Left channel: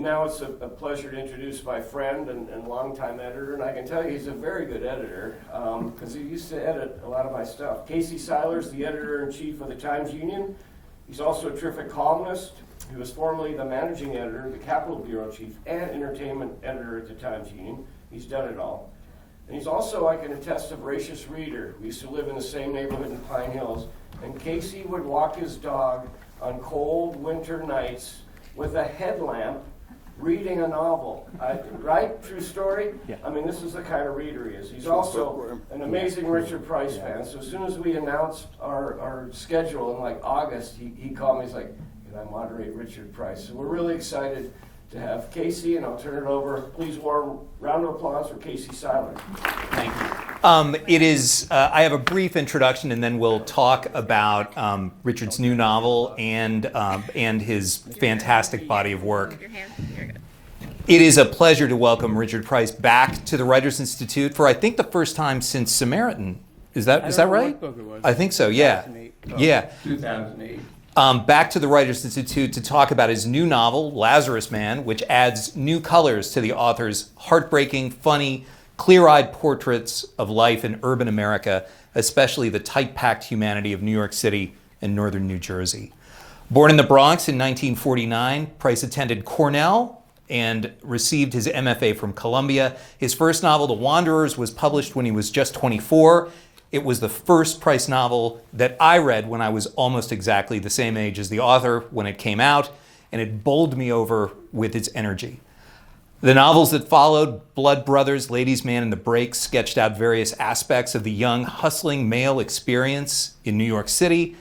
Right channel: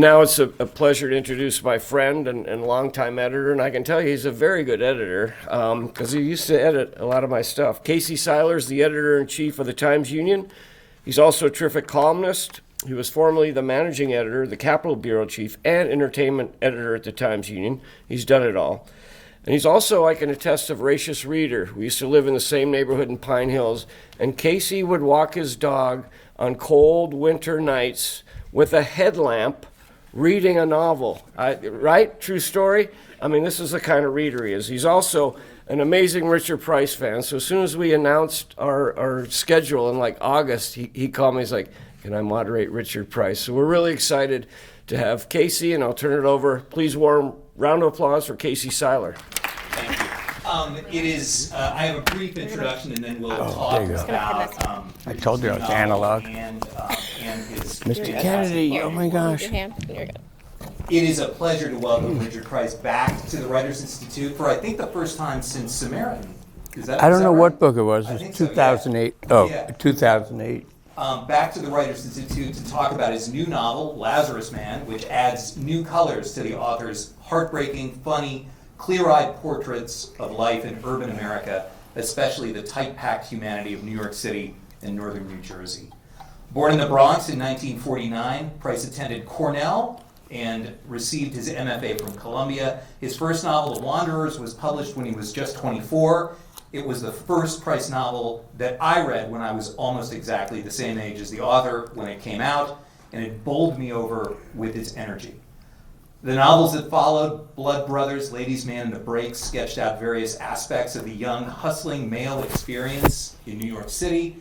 Now it's a pleasure to introduce my friend and longtime editor, and I can tell you he's a very good editor because he used to edit a lot of my stuff. Seiler is the editor-in-chief of the Times-Union. He's also a terrific columnist. He was formerly the managing editor, the Capitol Bureau chief, and entertainment editor at the Times-Union. He's done it all. And he's also, I can attest, a voracious reader. We used to live in the same neighborhood in Pine Hills, and Casey would walk his dog on cold winter nights with a headlamp reading a novel, right? True story? Yeah. I mean, this is the kind of reader he is. He's also an amazing Richard Price fan. So as soon as we announced our schedule in like August, he called me. He's like, can I moderate Richard Price? So we're really excited to have Casey, and I'll turn it over. Please warm round of applause for Casey Seiler. Thank you. It is, I have a brief introduction, and then we'll talk about Richard's new novel and his fantastic body of work. It is a pleasure to welcome Richard Price back to the Writers Institute for, I think, the first time since Samaritan. Is that right? I don't know what book it was. I think so, yeah. 2008. Oh, yeah. 2008. Back to the Writers Institute to talk about his new novel, Lazarus Man, which adds new colors to the author's heartbreaking, funny, clear-eyed portraits of life in urban America, especially the tight-packed humanity of New York City and northern New Jersey. Born in the Bronx in 1949, Price attended Cornell and received his MFA from Columbia. His first novel, The Wanderers, was published when he was just 24. It was the first Price novel that I read when I was almost exactly the same age as the author when it came out, and it bowled me over with its energy. The novels that followed, Blood Brothers, Ladies' Man, and The Breaks, sketched out various aspects of the young, hustling male experience in New York City.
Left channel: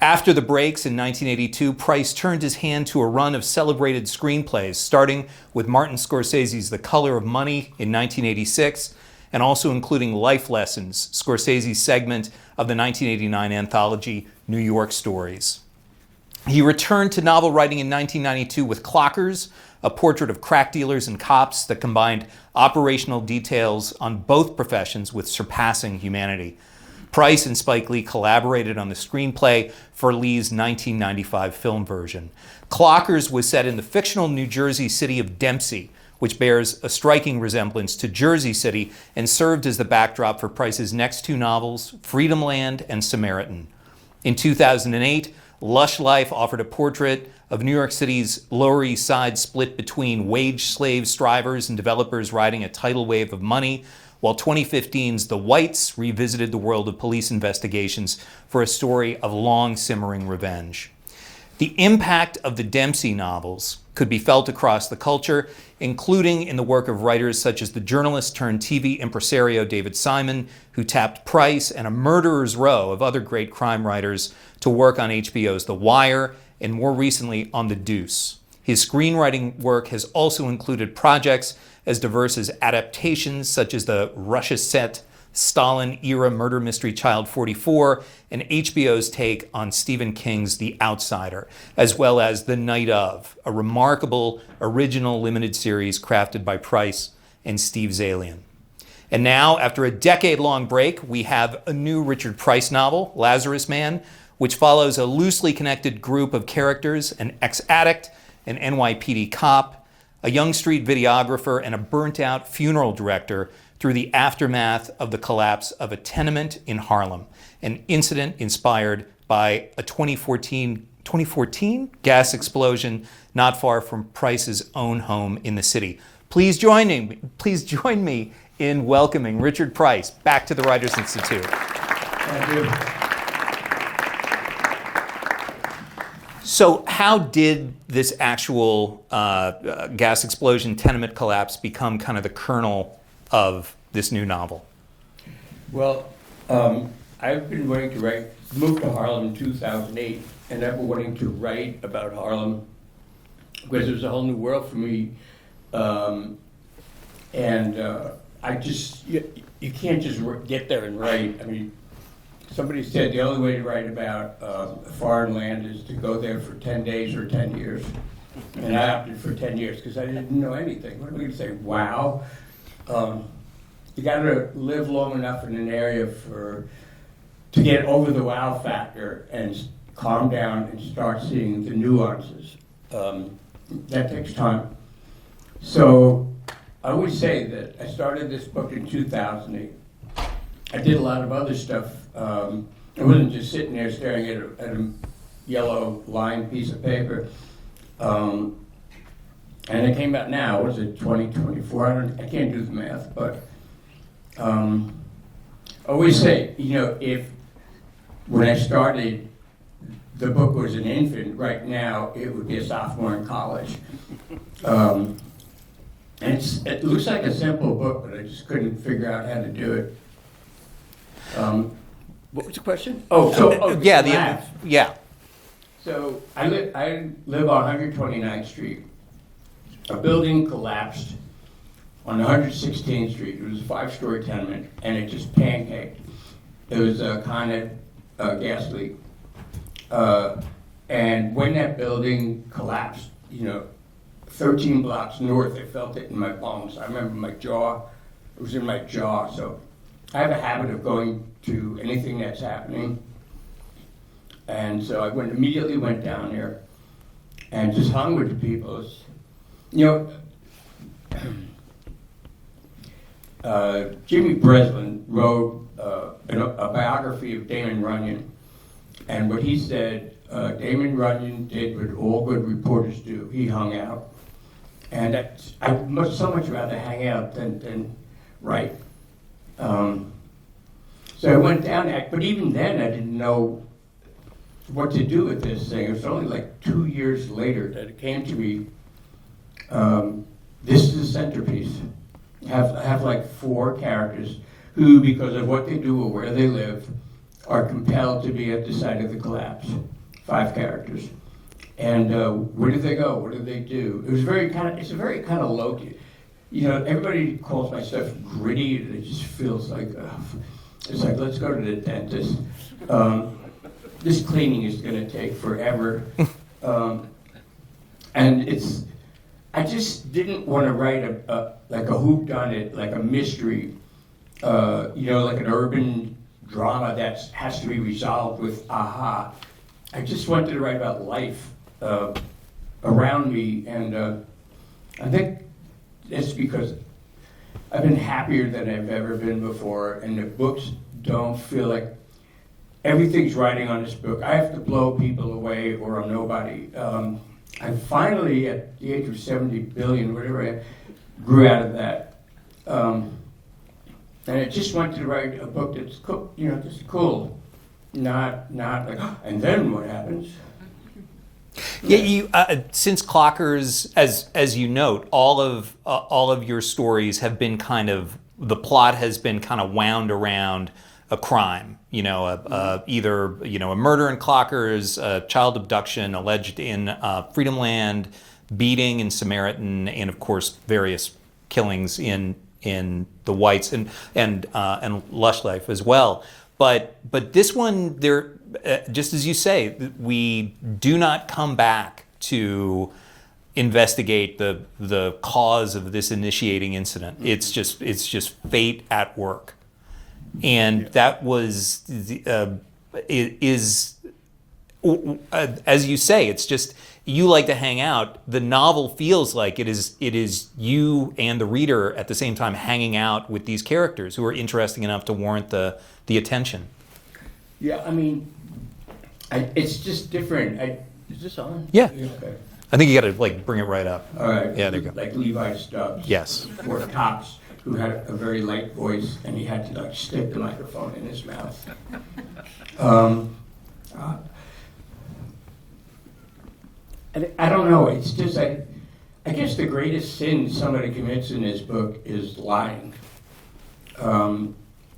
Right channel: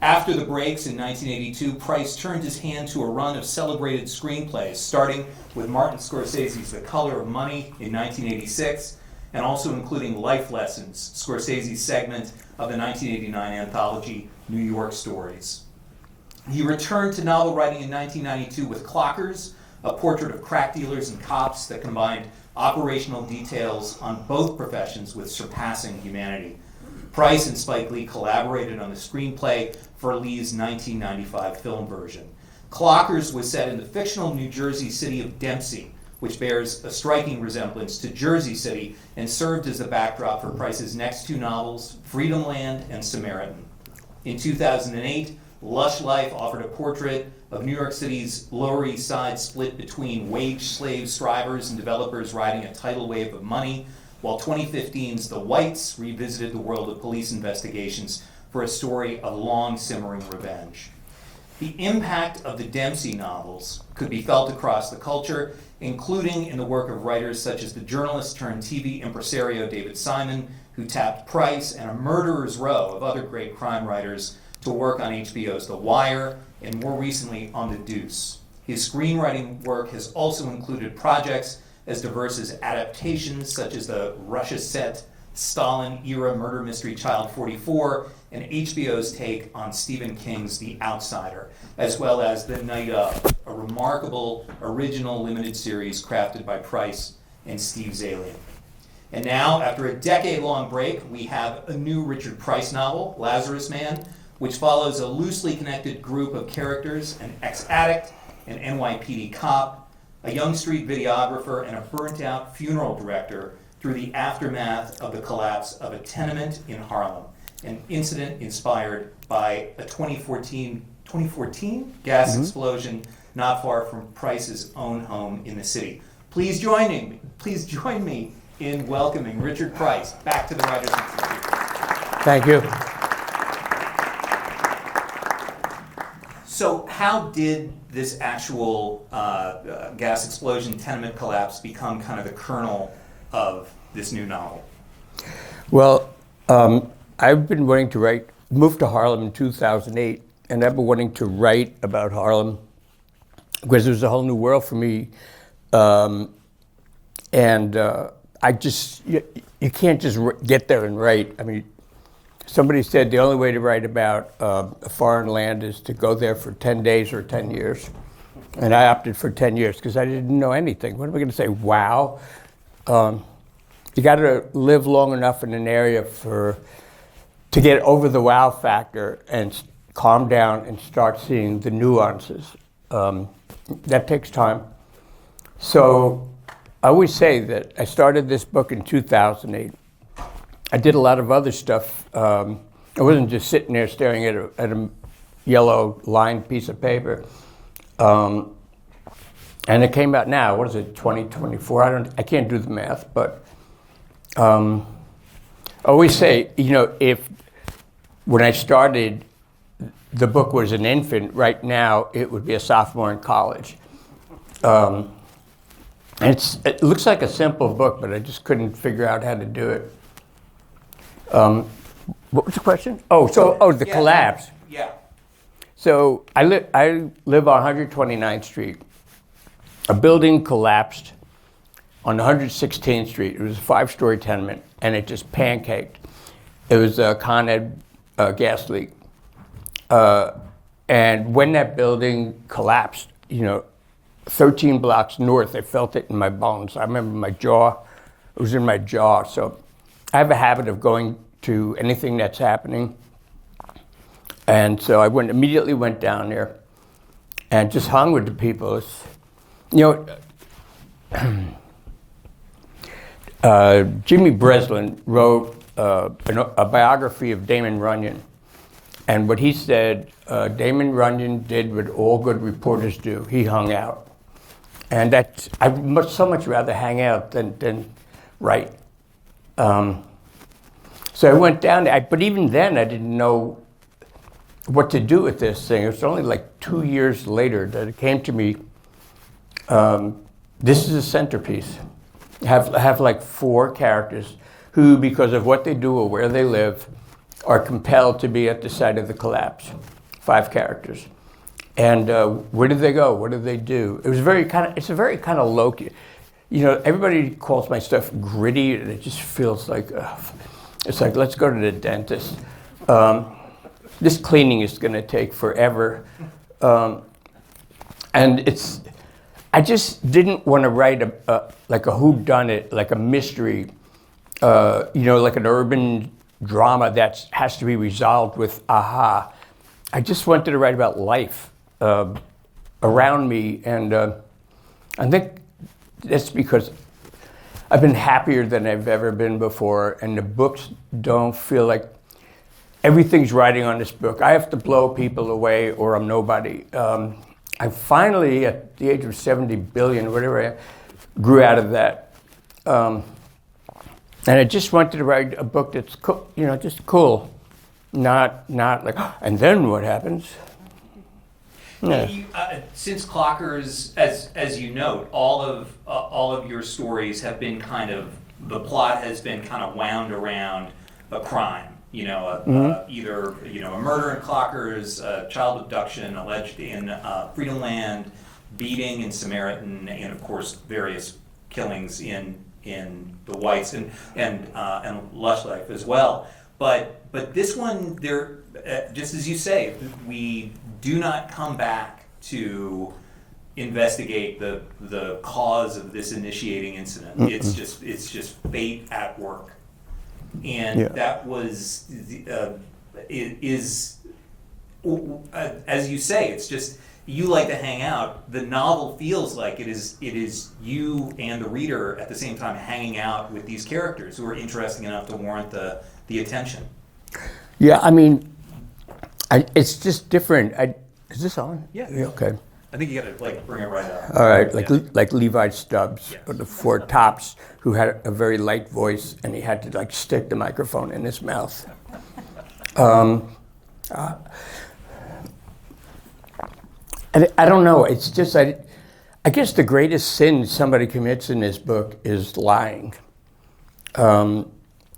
After The Breaks in 1982, Price turned his hand to a run of celebrated screenplays, starting with Martin Scorsese's The Color of Money in 1986, and also including Life Lessons, Scorsese's segment of the 1989 anthology New York Stories. He returned to novel writing in 1992 with Clockers, a portrait of crack dealers and cops that combined operational details on both professions with surpassing humanity. Price and Spike Lee collaborated on the screenplay for Lee's 1995 film version. Clockers was set in the fictional New Jersey city of Dempsey, which bears a striking resemblance to Jersey City and served as the backdrop for Price's next two novels, Freedom Land and Samaritan. In 2008, Lush Life offered a portrait of New York City's Lower East Side split between wage slave strivers and developers riding a tidal wave of money, while 2015's The Whites revisited the world of police investigations for a story of long simmering revenge. The impact of the Dempsey novels could be felt across the culture, including in the work of writers such as the journalist turned TV impresario David Simon, who tapped Price and a murderer's row of other great crime writers to work on HBO's The Wire, and more recently on The Deuce. His screenwriting work has also included projects as diverse as adaptations such as the Russia-set Stalin-era murder mystery Child 44 and HBO's take on Stephen King's The Outsider, as well as The Night Of, a remarkable original limited series crafted by Price and Steve Zalian. And now, after a decade-long break, we have a new Richard Price novel, Lazarus Man, which follows a loosely connected group of characters, an ex-addict, an NYPD cop, a young street videographer, and a burnt-out funeral director through the aftermath of the collapse of a tenement in Harlem, an incident inspired by a 2014 gas explosion not far from Price's own home in the city. Please join me in welcoming Richard Price back to the Writers Institute. Thank you. So how did this actual gas explosion, tenement collapse become kind of the kernel of this new novel? Well, I've been wanting to write, moved to Harlem in 2008, and I've been wanting to write about Harlem because it was a whole new world for me. I just, you can't just get there and write. I mean, somebody said the only way to write about a foreign land is to go there for 10 days or 10 years. And I opted for 10 years because I didn't know anything. What am I going to say? Wow. You got to live long enough in an area to get over the wow factor and calm down and start seeing the nuances. That takes time. So I always say that I started this book in 2008. I did a lot of other stuff. I wasn't just sitting there staring at a yellow lined piece of paper. And it came out now, what is it, 2024? I can't do the math, but I always say, if when I started, the book was an infant, right now it would be a sophomore in college. It looks like a simple book, but I just couldn't figure out how to do it. What was the question? The collapse. Yeah. So I live on 129th Street. A building collapsed on 116th Street. It was a 5-story tenement, and it just pancaked. It was a Con Ed gas leak. And when that building collapsed, 13 blocks north, I felt it in my bones. I remember it was in my jaw. So I have a habit of going to anything that's happening. And so I immediately went down there and just hung with the people. Jimmy Breslin wrote a biography of Damon Runyon. And what he said, Damon Runyon did what all good reporters do. He hung out. And I would so much rather hang out than write. So I went down there, but even then I didn't know what to do with this thing. It was only like 2 years later that it came to me, this is a centerpiece. I have like 4 characters who, because of what they do or where they live, are compelled to be at the site of the collapse. 5 characters. And where did they go? What did they do? It's a very kind of low, everybody calls my stuff gritty, and it just feels like, it's like, let's go to the dentist. This cleaning is going to take forever. And I just didn't want to write like a whodunit, like a mystery, like an urban drama that has to be resolved with aha. I just wanted to write about life around me, and I think that's because I've been happier than I've ever been before, and the books don't feel like everything's riding on this book. I have to blow people away or I'm nobody. I finally, at the age of 70 billion, whatever, I grew out of that. And I just wanted to write a book that's cool, just cool. Not like, and then what happens? Yeah, since Clockers, as you note, all of your stories have been the plot has been kind of wound around a crime. Either a murder in Clockers, a child abduction alleged in Freedomland, beating in Samaritan, and of course various killings in the Whites and Lush Life as well. But this one, there, just as you say, we do not come back to investigate the cause of this initiating incident. Mm-mm. It's just fate at work, and that was as you say, it's just you like to hang out. The novel feels like it is you and the reader at the same time hanging out with these characters who are interesting enough to warrant the attention. Yeah, I mean, it's just different. Is this on? Yeah. Okay. I think you got to bring it right up. All right, like Levi Stubbs. Yes. For the Four Tops, who had a very light voice, and he had to stick the microphone in his mouth. And I don't know. It's just I guess the greatest sin somebody commits in this book is lying.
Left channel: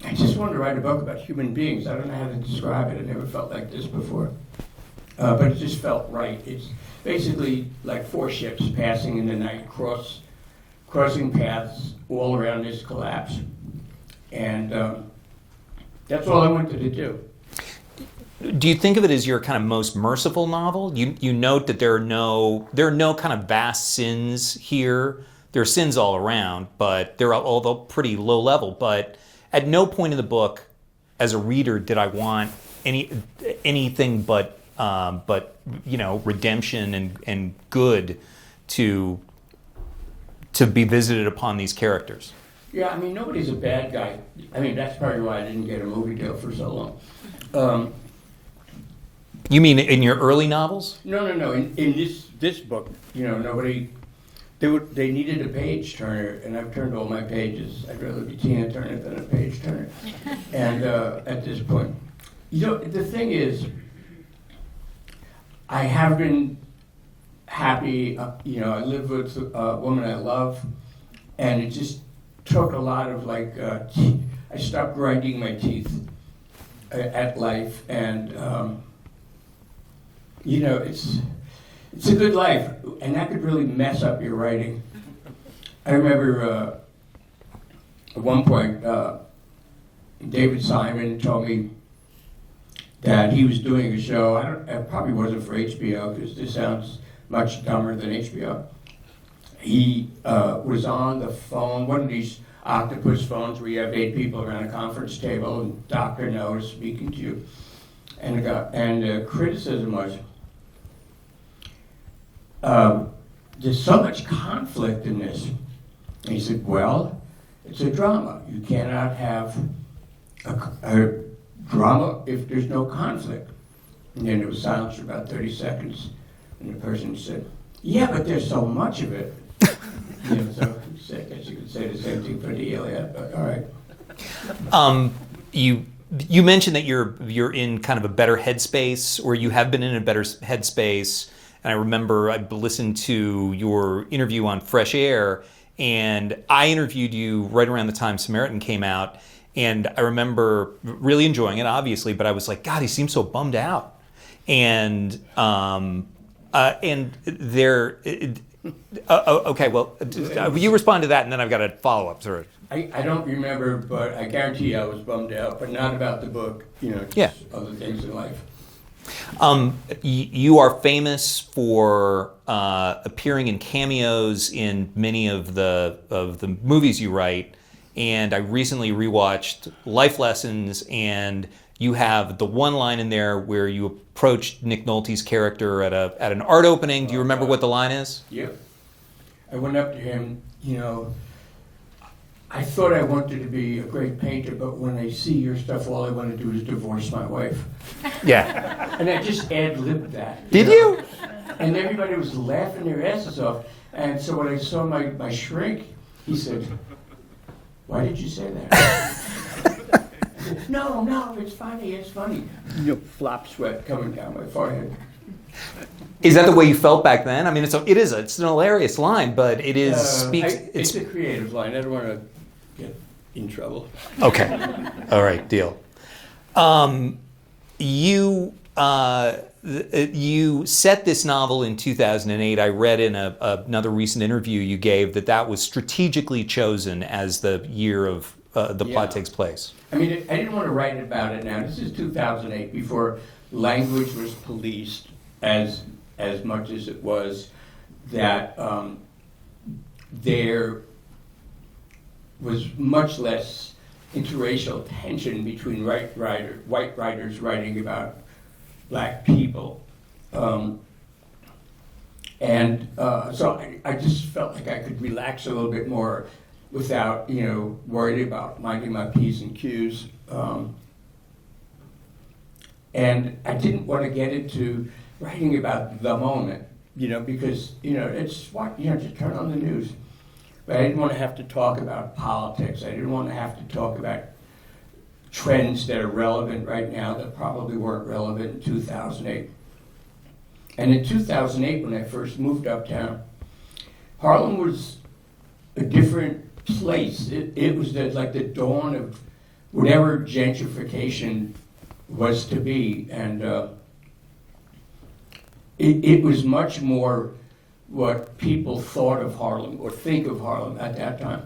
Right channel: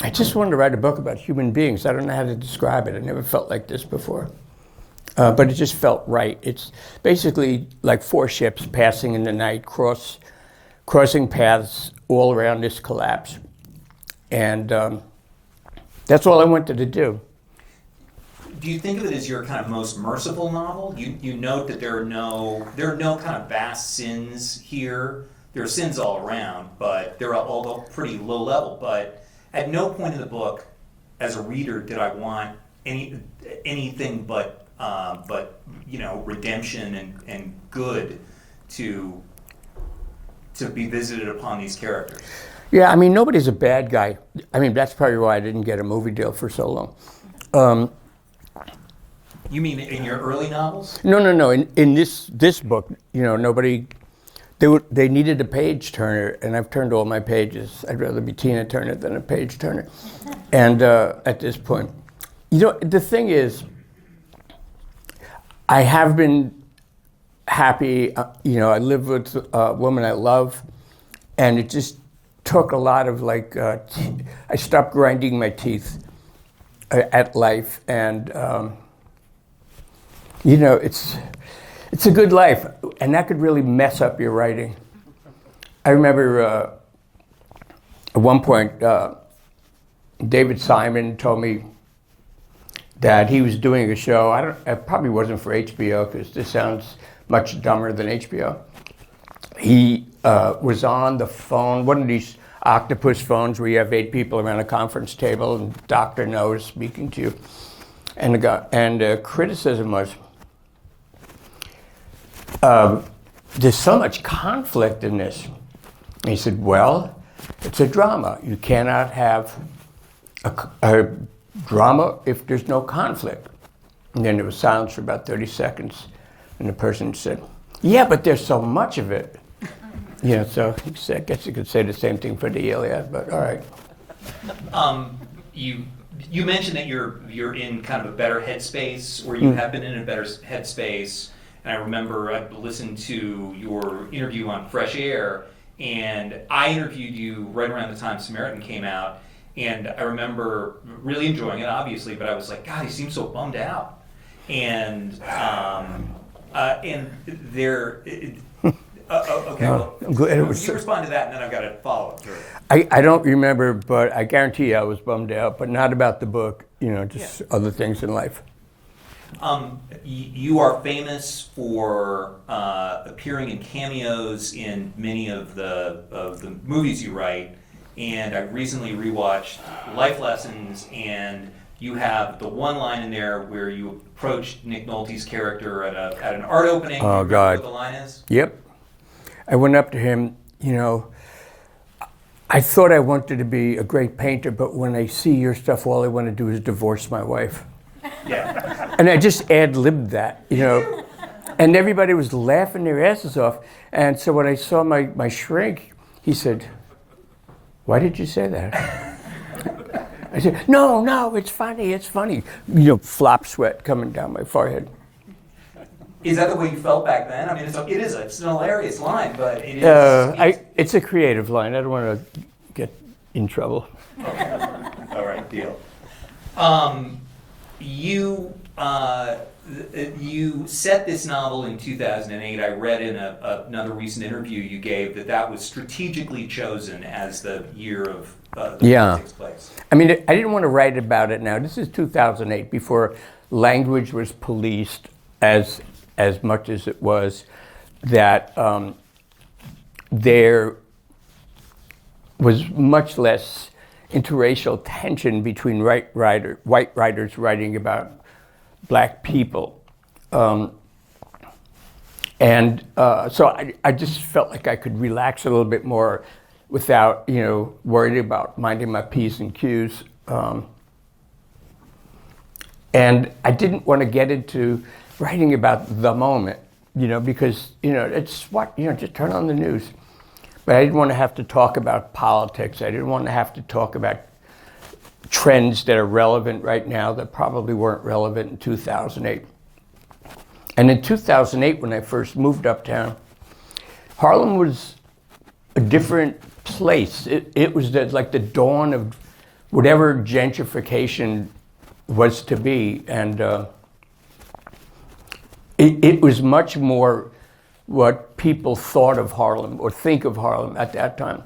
I just wanted to write a book about human beings. I don't know how to describe it. I never felt like this before. But it just felt right. It's basically like 4 ships passing in the night, crossing paths all around this collapse. And that's all I wanted to do. Do you think of it as your kind of most merciful novel? You note that there are no kind of vast sins here. There are sins all around, but they're all pretty low level. But at no point in the book, as a reader, did I want anything but redemption and good to to be visited upon these characters. Yeah, I mean, nobody's a bad guy. I mean, that's probably why I didn't get a movie deal for so long. You mean in your early novels? No. In this book, nobody. They needed a page turner, and I've turned all my pages. I'd rather be Tina Turner than a page turner. And at this point, the thing is, I have been happy. I live with a woman I love, and it just took a lot of I stopped grinding my teeth at life, and it's a good life, and that could really mess up your writing. I remember at one point, David Simon told me that he was doing a show. It probably wasn't for HBO because this sounds much dumber than HBO. He was on the phone, one of these octopus phones where you have 8 people around a conference table and Dr. No is speaking to you. And the criticism was, there's so much conflict in this. And he said, well, it's a drama. You cannot have a drama if there's no conflict. And then there was silence for about 30 seconds. And the person said, yeah, but there's so much of it. So I guess you could say the same thing for the Iliad, but all right. You mentioned that you're in kind of a better headspace, or you have been in a better headspace. And I remember I listened to your interview on Fresh Air, and I interviewed you right around the time Samaritan came out, and I remember really enjoying it, obviously, but I was like, God, he seems so bummed out. And there. Okay, well, you respond to that, and then I've got a follow-up to it. I don't remember, but I guarantee I was bummed out, but not about the book, just other things in life. You are famous for appearing in cameos in many of the movies you write, and I recently rewatched Life Lessons, and you have the one line in there where you approached Nick Nolte's character at an art opening. Do you remember what the line is? Yep. I went up to him, I thought I wanted to be a great painter, but when I see your stuff, all I want to do is divorce my wife. Yeah. And I just ad-libbed that. Did you? And everybody was laughing their asses off. And so when I saw my shrink, he said, why did you say that? I said, no, it's funny. Flop sweat coming down my forehead. Is that the way you felt back then? I mean, it's an hilarious line, but it is. It's a creative line. I don't want to get in trouble. Okay. All right. Deal. You set this novel in 2008. I read in another recent interview you gave that was strategically chosen as the year of the plot takes place. I mean, I didn't want to write about it now. This is 2008, before language was policed as much as it was, that there was much less interracial tension between white writers writing about black people. So I just felt like I could relax a little bit more without, worried about minding my P's and Q's. And I didn't want to get into writing about the moment, because, it's what, just turn on the news. But I didn't want to have to talk about politics. I didn't want to have to talk about trends that are relevant right now that probably weren't relevant in 2008. And in 2008, when I first moved uptown, Harlem was a different place. It was like the dawn of whatever gentrification was to be. And it was much more what people thought of Harlem or think of Harlem at that time.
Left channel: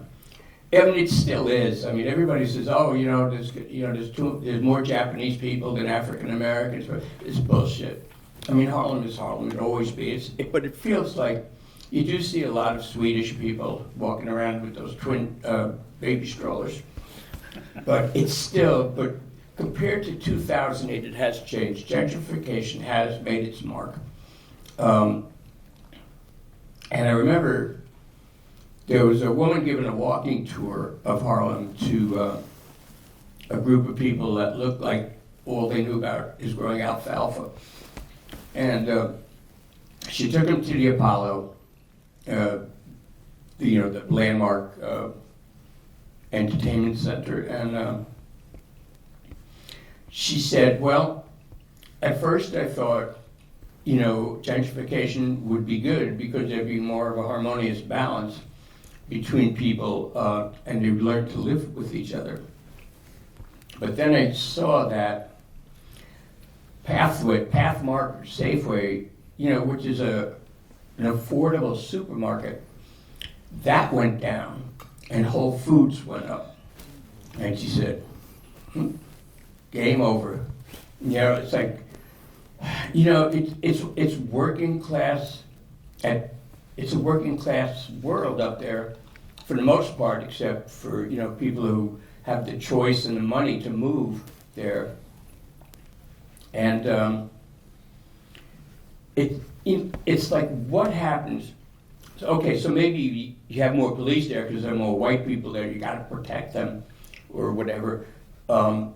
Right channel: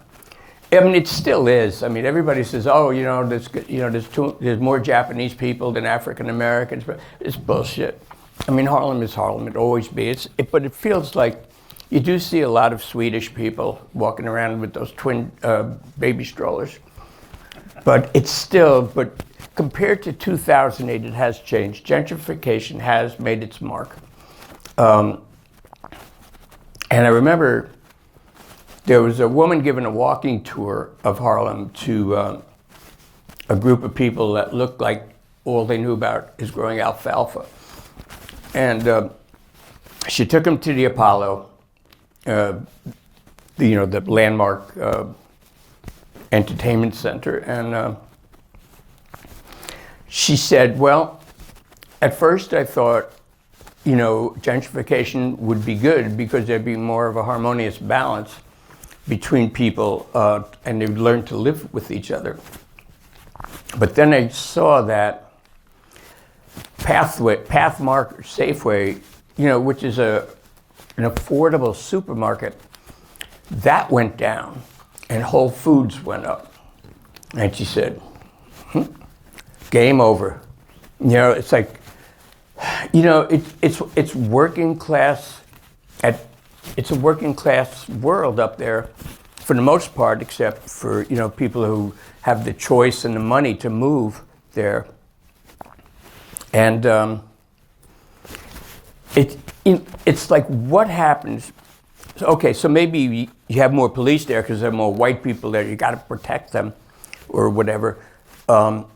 I mean, it still is. I mean, everybody says, "Oh, there's more Japanese people than African Americans," but it's bullshit. I mean, Harlem is Harlem. It'll always be. But it feels like you do see a lot of Swedish people walking around with those twin baby strollers. But it's still. But compared to 2008, it has changed. Gentrification has made its mark. And I remember there was a woman giving a walking tour of Harlem to a group of people that looked like all they knew about is growing alfalfa. And she took them to the Apollo, the landmark entertainment center, and she said, well, at first I thought, gentrification would be good because there'd be more of a harmonious balance between people and they'd learn to live with each other. But then I saw that Pathmark, Safeway, which is an affordable supermarket, that went down and Whole Foods went up. And she said, game over. It's like, it's working class, it's a working class world up there for the most part, except for, people who have the choice and the money to move there. And it's like, what happens? Okay, so maybe you have more police there because there are more white people there. You got to protect them or whatever. But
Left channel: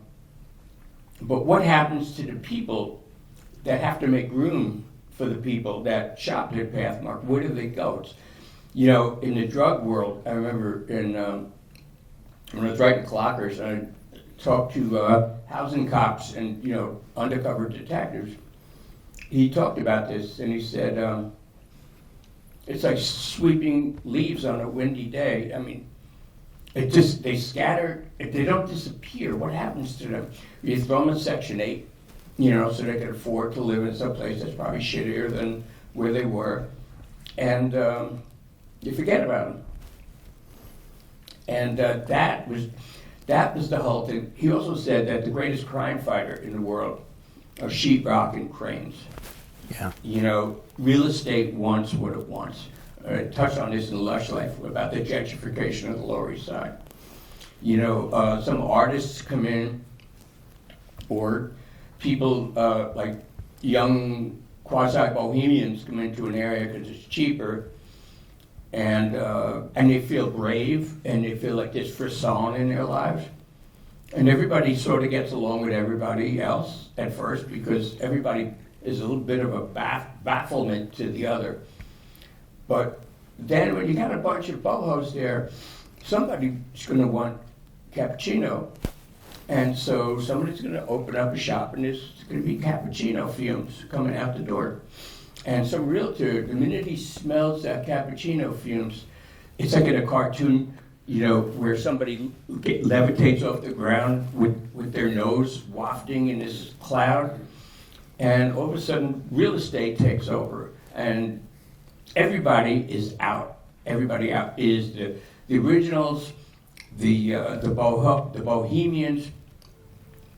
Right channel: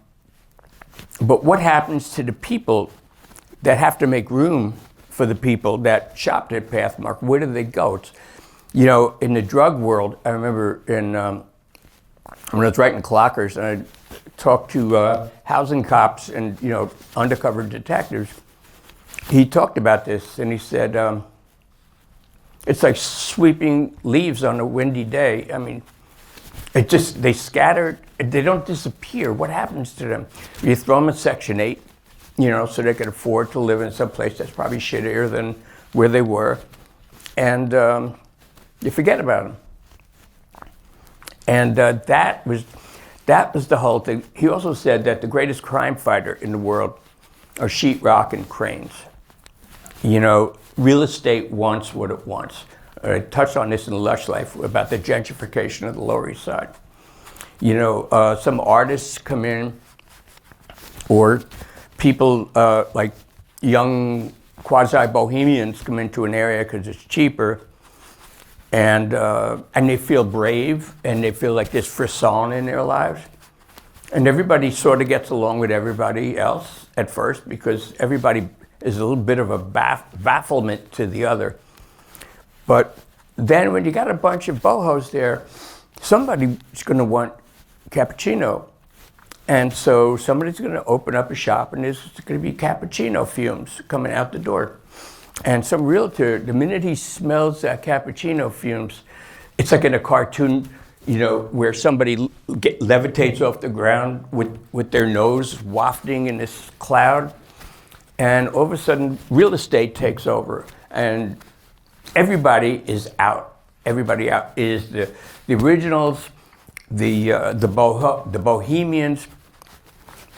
what happens to the people that have to make room for the people that shopped at Pathmark? Where do they go? It's, in the drug world, I remember when I was writing Clockers, and I talked to housing cops and, undercover detectives. He talked about this, and he said, it's like sweeping leaves on a windy day. I mean, they scatter, they don't disappear. What happens to them? You throw them in Section 8, so they can afford to live in some place that's probably shittier than where they were. And you forget about them. And that was the whole thing. He also said that the greatest crime fighter in the world are sheetrock and cranes. Yeah. Real estate wants what it wants. I touched on this in Lush Life about the gentrification of the Lower East Side. Some artists come in, or people like young quasi-bohemians come into an area because it's cheaper, and they feel brave, and they feel like there's frisson in their lives. And everybody sort of gets along with everybody else at first because everybody is a little bit of a bafflement to the other. But then when you got a bunch of bohos there, somebody's going to want cappuccino. And so somebody's going to open up a shop, and there's going to be cappuccino fumes coming out the door. And some realtor, the minute he smells that cappuccino fumes, it's like in a cartoon, where somebody levitates off the ground with their nose wafting in this cloud. And all of a sudden, real estate takes over, and everybody is out. Everybody out is the originals, the bohemians.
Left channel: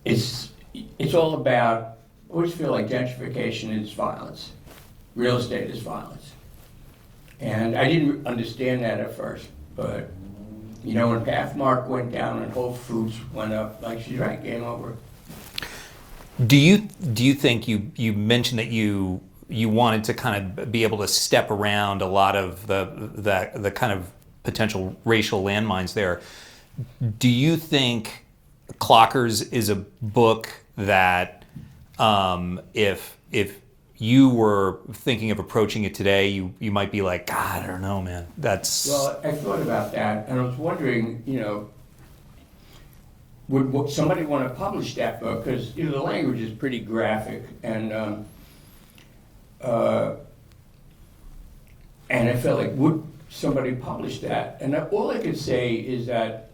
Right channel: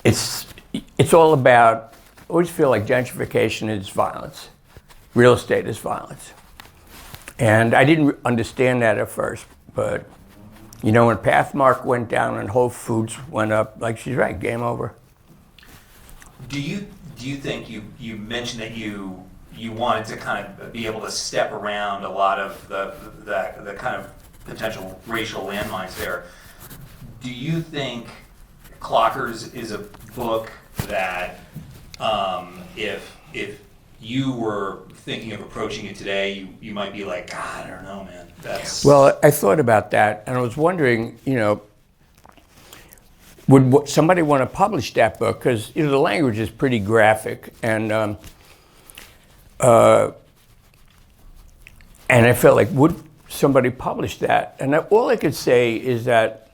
It's all about. I always feel like gentrification is violence. Real estate is violence, and I didn't understand that at first. But when Pathmark went down and Whole Foods went up, like she's right, game over. Do you think you mentioned that you wanted to kind of be able to step around a lot of the kind of potential racial landmines there? Do you think Clockers is a book that if you were thinking of approaching it today, you might be like, God, I don't know, man. Well, I thought about that, and I was wondering, would somebody want to publish that book? Because the language is pretty graphic, and I felt like, would somebody publish that? And all I could say is that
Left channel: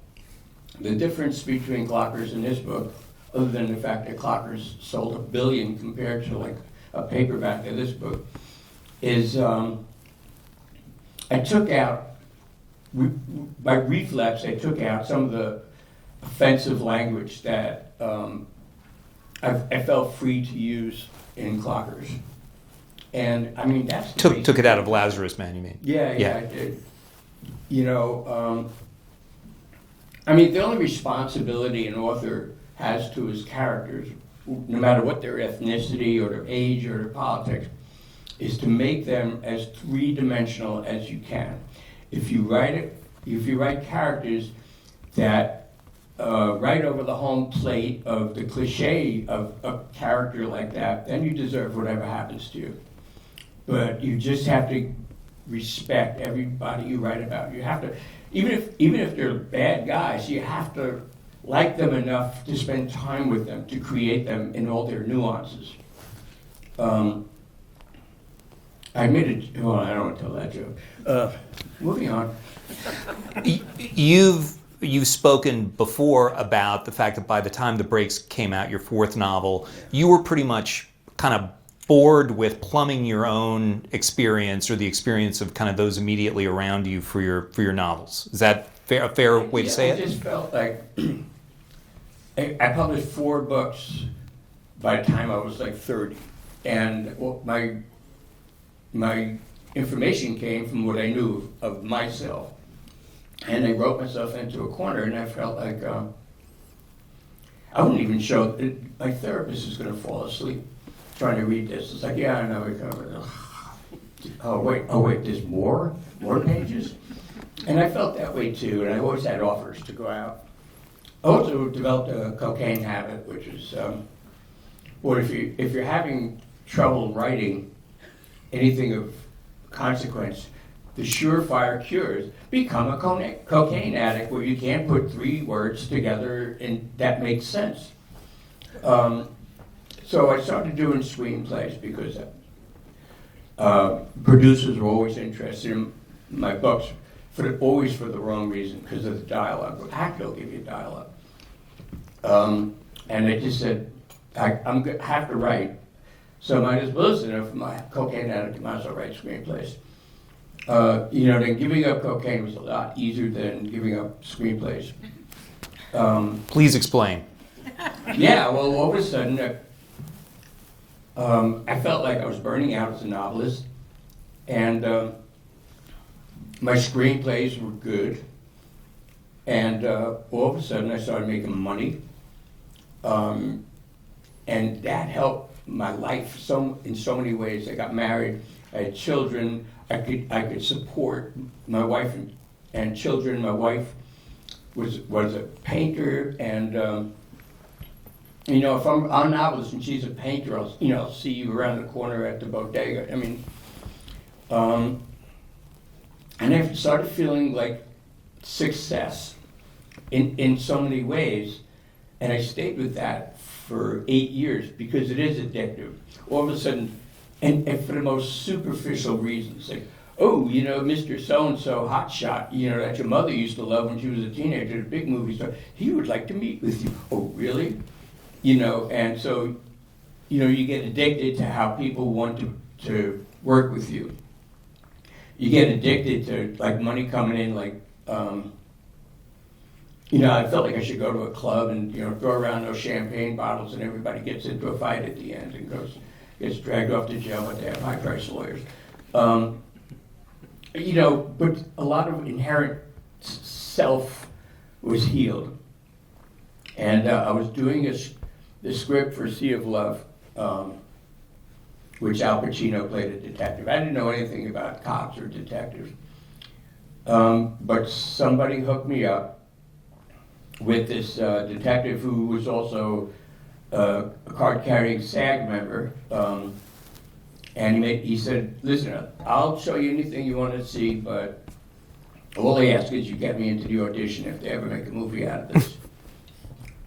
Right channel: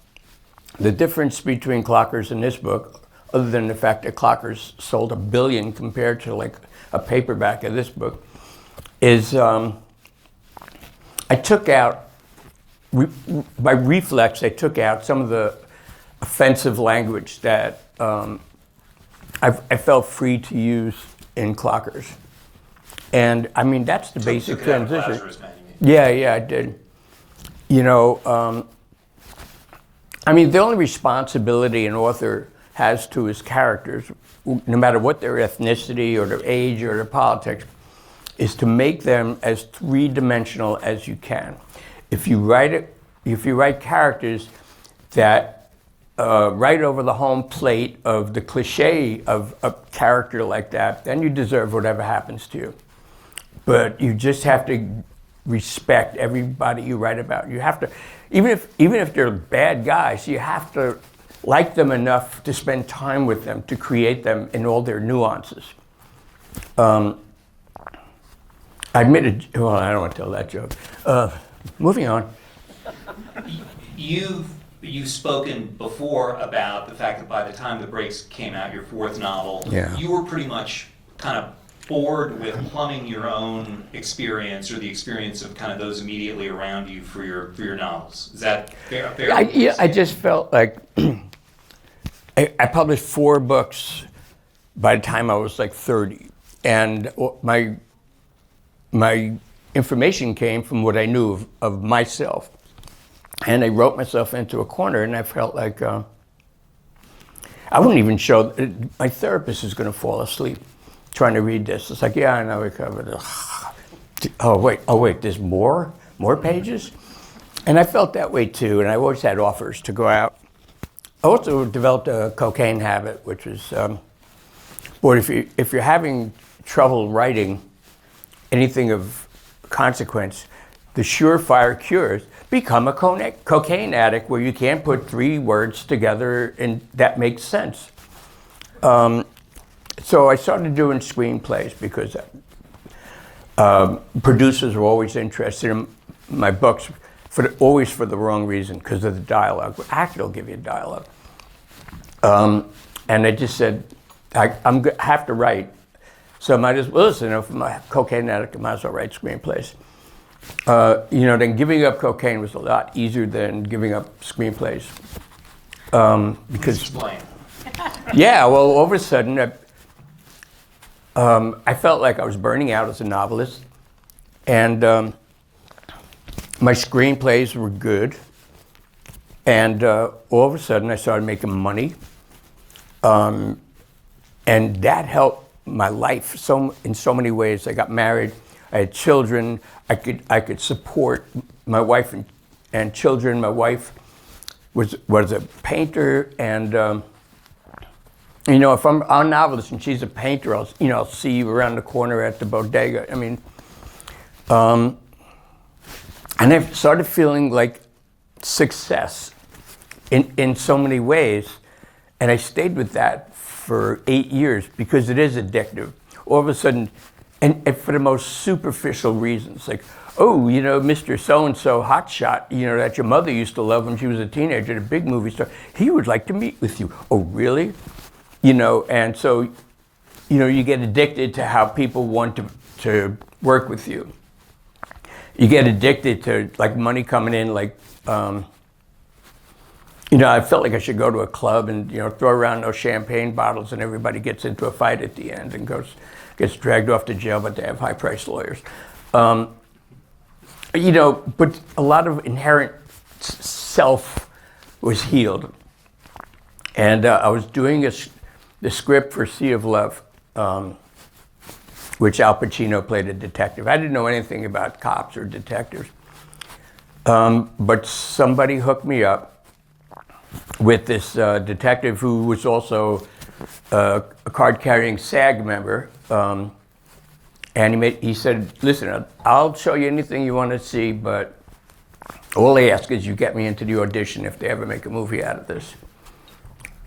the difference between Clockers and this book, other than the fact that Clockers sold 1 billion compared to like a paperback of this book, is I took out, by reflex, I took out some of the offensive language that I felt free to use in Clockers. And I mean, that's the basic took it out of Lazarus Man, you mean? Yeah, I did. I mean, the only responsibility an author has to his characters, no matter what their ethnicity or their age or their politics, is to make them as three-dimensional as you can. if you write characters that right over the home plate of the cliche of a character like that, then you deserve whatever happens to you. But you just have to respect everybody you write about. You have to, even if they're bad guys, you have to like them enough to spend time with them, to create them in all their nuances. I admitted, well, I don't want to tell that joke. Moving on. You've spoken before about the fact that by the time The Breaks came out, your fourth novel, Yeah. you were pretty much kind of bored with plumbing your own experience or the experience of kind of those immediately around you for your novels. Is that a fair way to say I it? just felt like I published 4 books by the time I was like 30, and my information came from what I knew of myself, and I wrote myself into a corner, and I felt like I wouldn't even show. My therapist is going to fall asleep trying to read this. It's like, yeah, I know we covered it. Oh wait, there's more pages, and I felt that way too. And I always had offers to go out. I also developed a cocaine habit, which is, boy, if you're having trouble writing anything of consequence, the surefire cure is become a cocaine addict, where you can't put 3 words together and that makes sense. So I started doing screenplays because producers were always interested in my books, always for the wrong reason, because of the dialogue. But actor will give you dialogue. And I just said, I have to write. So I might as well, listen, if I'm a cocaine addict, I might as well write screenplays. Then giving up cocaine was a lot easier than giving up screenplays. Please explain. Yeah, well, all of a sudden, I felt like I was burning out as a novelist, and my screenplays were good, and all of a sudden I started making money, and that helped my life in so many ways. I got married, I had children, I could support my wife and children. My wife was a painter, and if I'm a novelist and she's a painter, I'll see you around the corner at the bodega. I mean, and I started feeling like success in so many ways, and I stayed with that for 8 years because it is addictive. All of a sudden, and for the most superficial reasons, like, oh, Mr. So-and-so hotshot, that your mother used to love when she was a teenager, the big movie star, he would like to meet with you. Oh, really? And so, you get addicted to how people want to work with you. You get addicted to, like, money coming in, like, I felt like I should go to a club and, throw around those champagne bottles, and everybody gets into a fight at the end and gets dragged off to jail, but they have high-priced lawyers. But a lot of inherent self was healed. And I was doing the script for Sea of Love, which Al Pacino played a detective. I didn't know anything about cops or detectives. But somebody hooked me up with this detective who was also a card-carrying SAG member. And he said, listen, I'll show you anything you want to see, but all they ask is you get me into the audition if they ever make a movie out of this.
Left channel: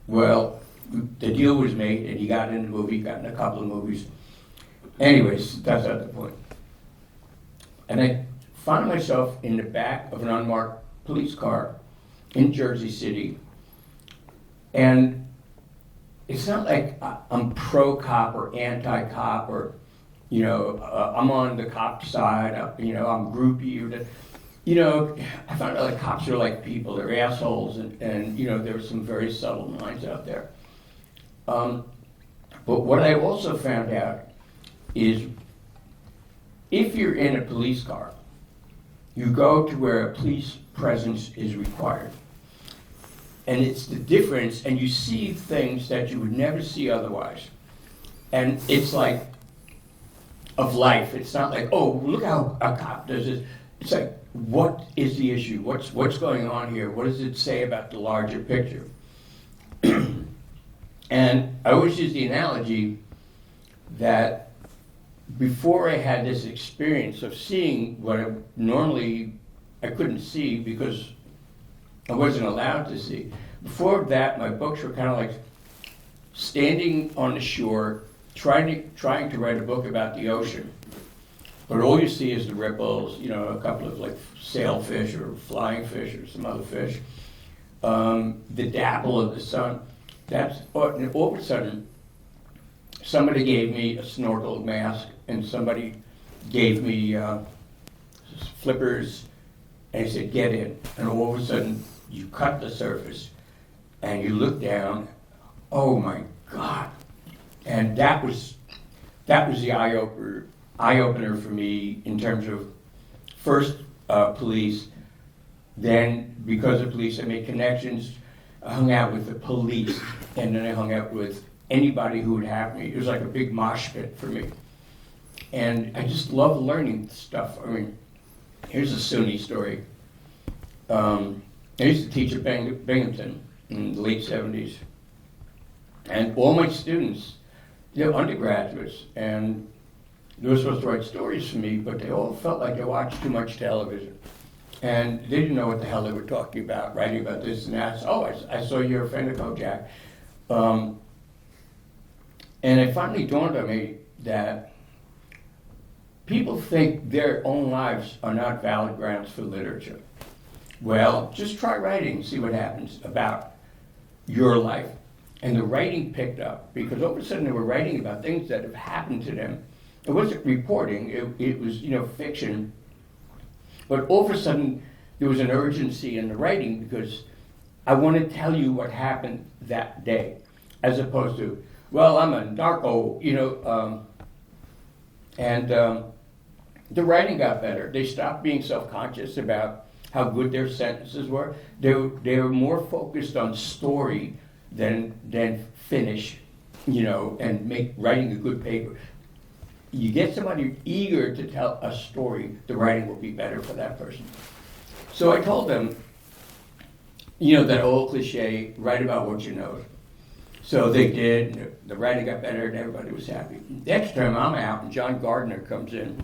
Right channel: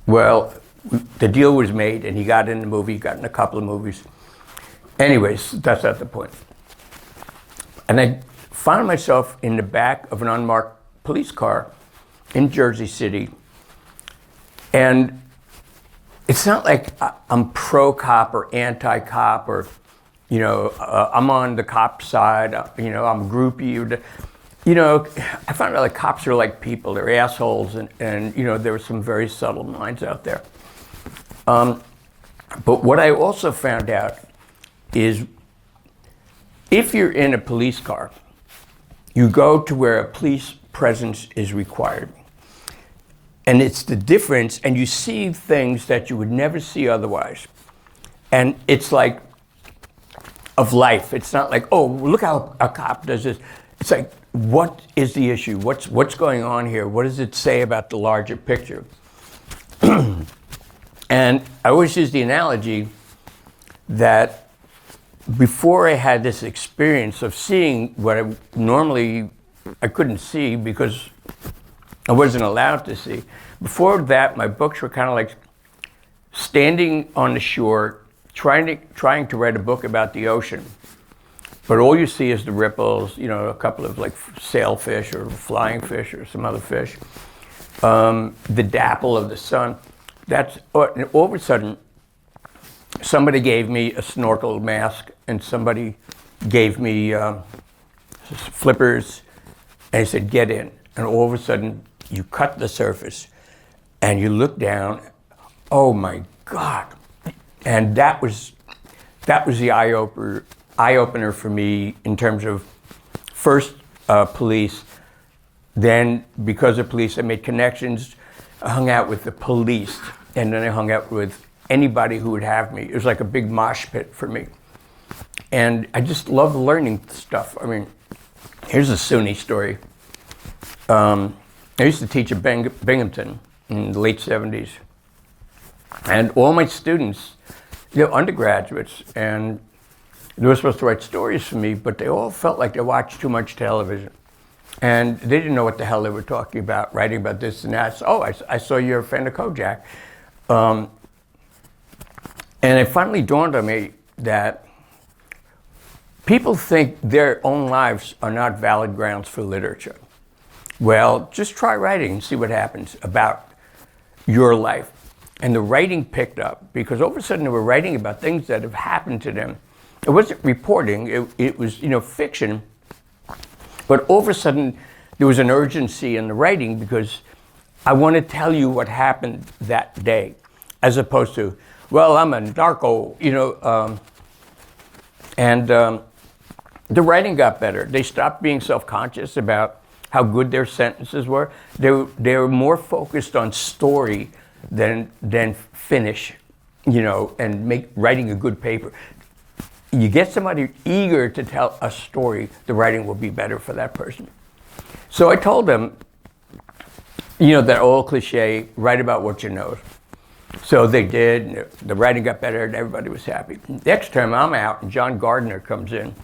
Well, the deal was made, and he got in the movie, got in a couple of movies. Anyways, that's not the point. And I found myself in the back of an unmarked police car in Jersey City. And it's not like I'm pro-cop or anti-cop or, I'm on the cop side, I'm groupie. I found out like cops are like people, they're assholes, and there were some very subtle minds out there. But what I also found out is if you're in a police car, you go to where a police presence is required. And it's the difference, and you see things that you would never see otherwise. And it's like of life. It's not like, oh, look how a cop does this. it's like, what is the issue? What's going on here? What does it say about the larger picture? And I always use the analogy that before I had this experience of seeing what I couldn't see because I wasn't allowed to see. Before that, my books were kind of like standing on the shore, trying to write a book about the ocean. But all you see is the ripples, a couple of like sailfish or flying fish or some other fish. The dapple of the sun. And all of a sudden, somebody gave me a snorkel mask and somebody gave me flippers and he said, get in. And all of a sudden, you cut the surface and you look down, oh my God. And that was the eye-opener for me in terms of first police, then because of police I made connections, I hung out with the police, and then I hung out with anybody who would have me. It was like a big mosh pit for me. And I just love learning stuff. I mean, here's a SUNY story. I used to teach at Binghamton in the late 70s. And all my students, undergraduates, and they were supposed to write stories for me, but they all felt like they watched too much television. And they didn't know what the hell they were talking about, writing about this and that. So, I saw you're a fan of Kojak. And it finally dawned on me that people think their own lives are not valid grounds for literature. Well, just try writing and see what happens about your life. And the writing picked up because all of a sudden they were writing about things that have happened to them. It wasn't reporting, it was fiction. But all of a sudden there was an urgency in the writing because I want to tell you what happened that day, as opposed to, well, I'm a narco, the writing got better. They stopped being self-conscious about how good their sentences were. They were more focused on story than finish, and writing a good paper. You get somebody eager to tell a story, the writing will be better for that person. So I told them, that old cliche, write about what you know. So they did, and the writing got better, and everybody was happy. Next term, I'm out, and John Gardner comes in,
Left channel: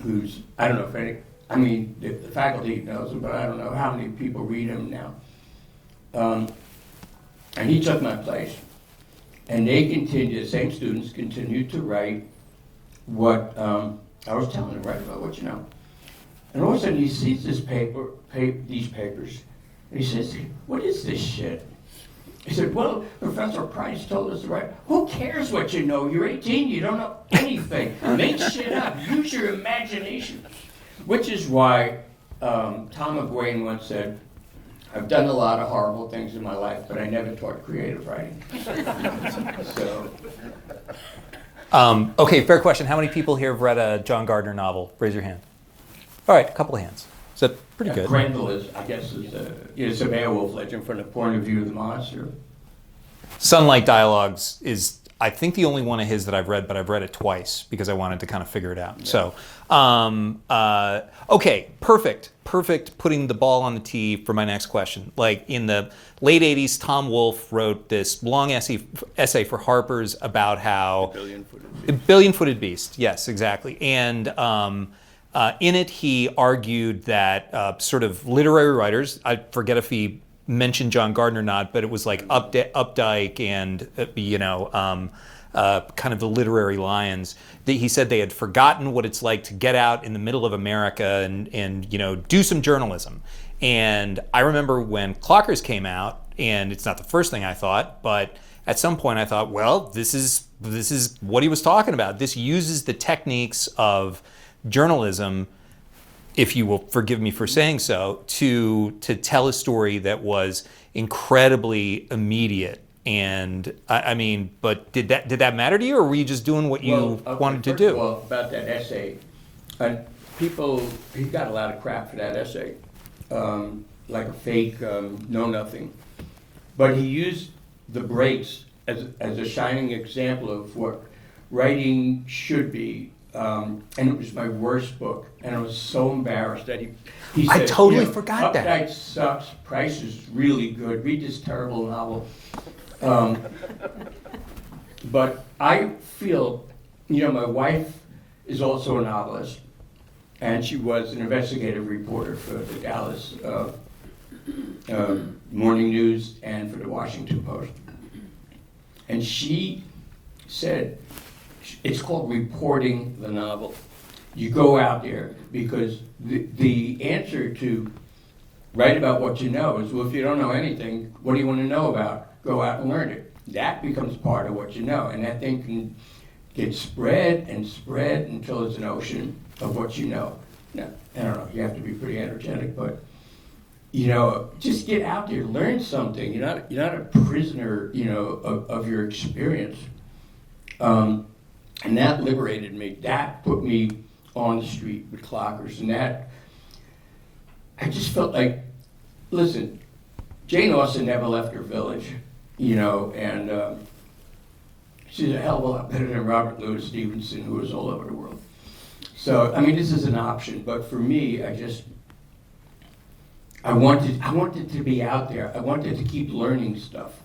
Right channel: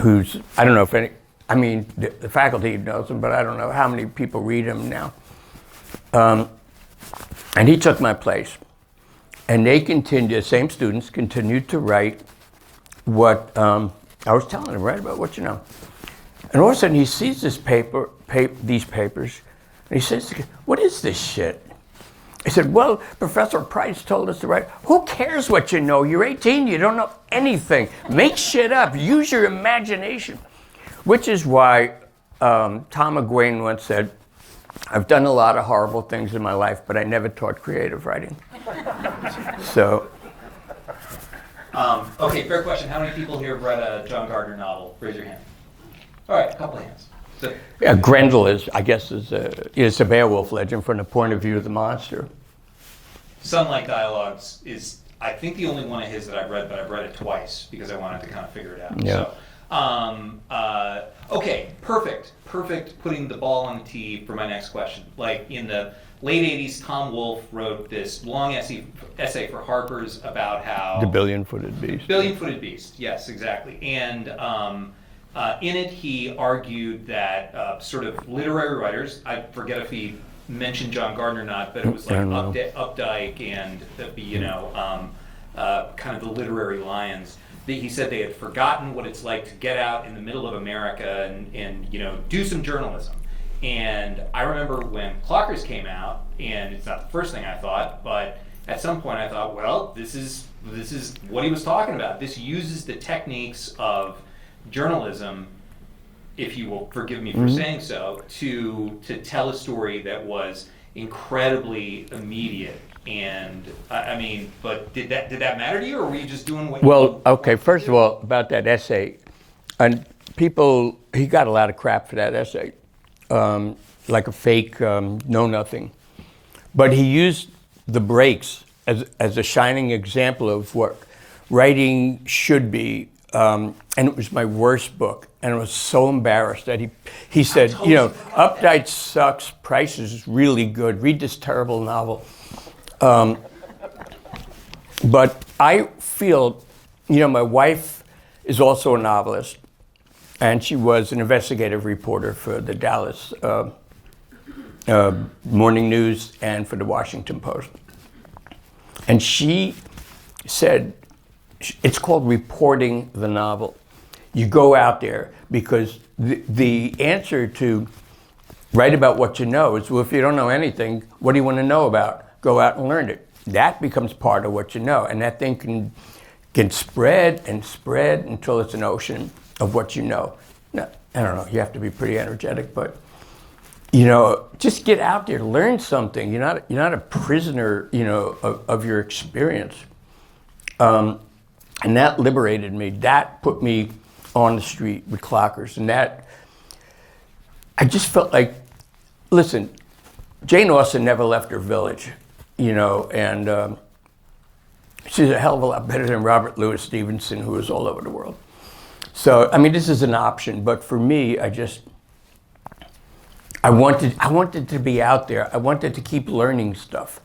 who's, I don't know if the faculty knows him, but I don't know how many people read him now. And he took my place. And the same students continued to write what I was telling them, write about what you know. And all of a sudden he sees these papers, and he says, what is this shit? I said, well, Professor Price told us to write. Who cares what you know? You're 18, you don't know anything. Make shit up, use your imagination. Which is why Tom McGuane once said, I've done a lot of horrible things in my life, but I never taught creative writing. So. Okay, fair question. How many people here have read a John Gardner novel? Raise your hand. All right, a couple of hands. Grendel is a Beowulf legend from the point of view of the monster. Sunlight Dialogues is, I think, the only one of his that I've read, but I've read it twice because I wanted to kind of figure it out. Yeah. So, okay, perfect. Putting the ball on the tee for my next question. Like in the late 80s, Tom Wolfe wrote this long essay for Harper's about how... The Billion-Footed Beast. The Billion-Footed Beast, yes, exactly. And in it, he argued that sort of literary writers, I forget if he mentioned John Gardner or not, but it was like Updike and, kind of the literary lions. He said they had forgotten what it's like to get out in the middle of America and do some journalism. And I remember when Clockers came out, and it's not the first thing I thought, but at some point I thought, well, this is what he was talking about. This uses the techniques of journalism, if you will forgive me for saying so, to tell a story that was incredibly immediate. And but did that matter to you, or were you just doing what you wanted to do? First of all, about that essay, and he got a lot of crap for that essay, like a fake know-nothing. But he used the breaks as a shining example of what writing should be. and it was my worst book, and I was so embarrassed that he said, totally forgot that. Updike sucks, Price is really good, read this terrible novel. But I feel, my wife is also a novelist, and she was an investigative reporter for the Dallas Morning News and for the Washington Post. And she said, it's called reporting the novel. You go out there because the answer to write about what you know is, well, if you don't know anything, what do you want to know about? Go out and learn it. That becomes part of what you know, and that thing can spread and spread until it's an ocean of what you know. Now, I don't know, you have to be pretty energetic, but just get out there, learn something. You're not a prisoner, of your experience. And that liberated me. That put me on the street with clockers, and that I just felt like, listen, Jane Austen never left her village, and she's a hell of a lot better than Robert Louis Stevenson, who was all over the world. So, this is an option, but for me, I wanted to be out there. I wanted to keep learning stuff.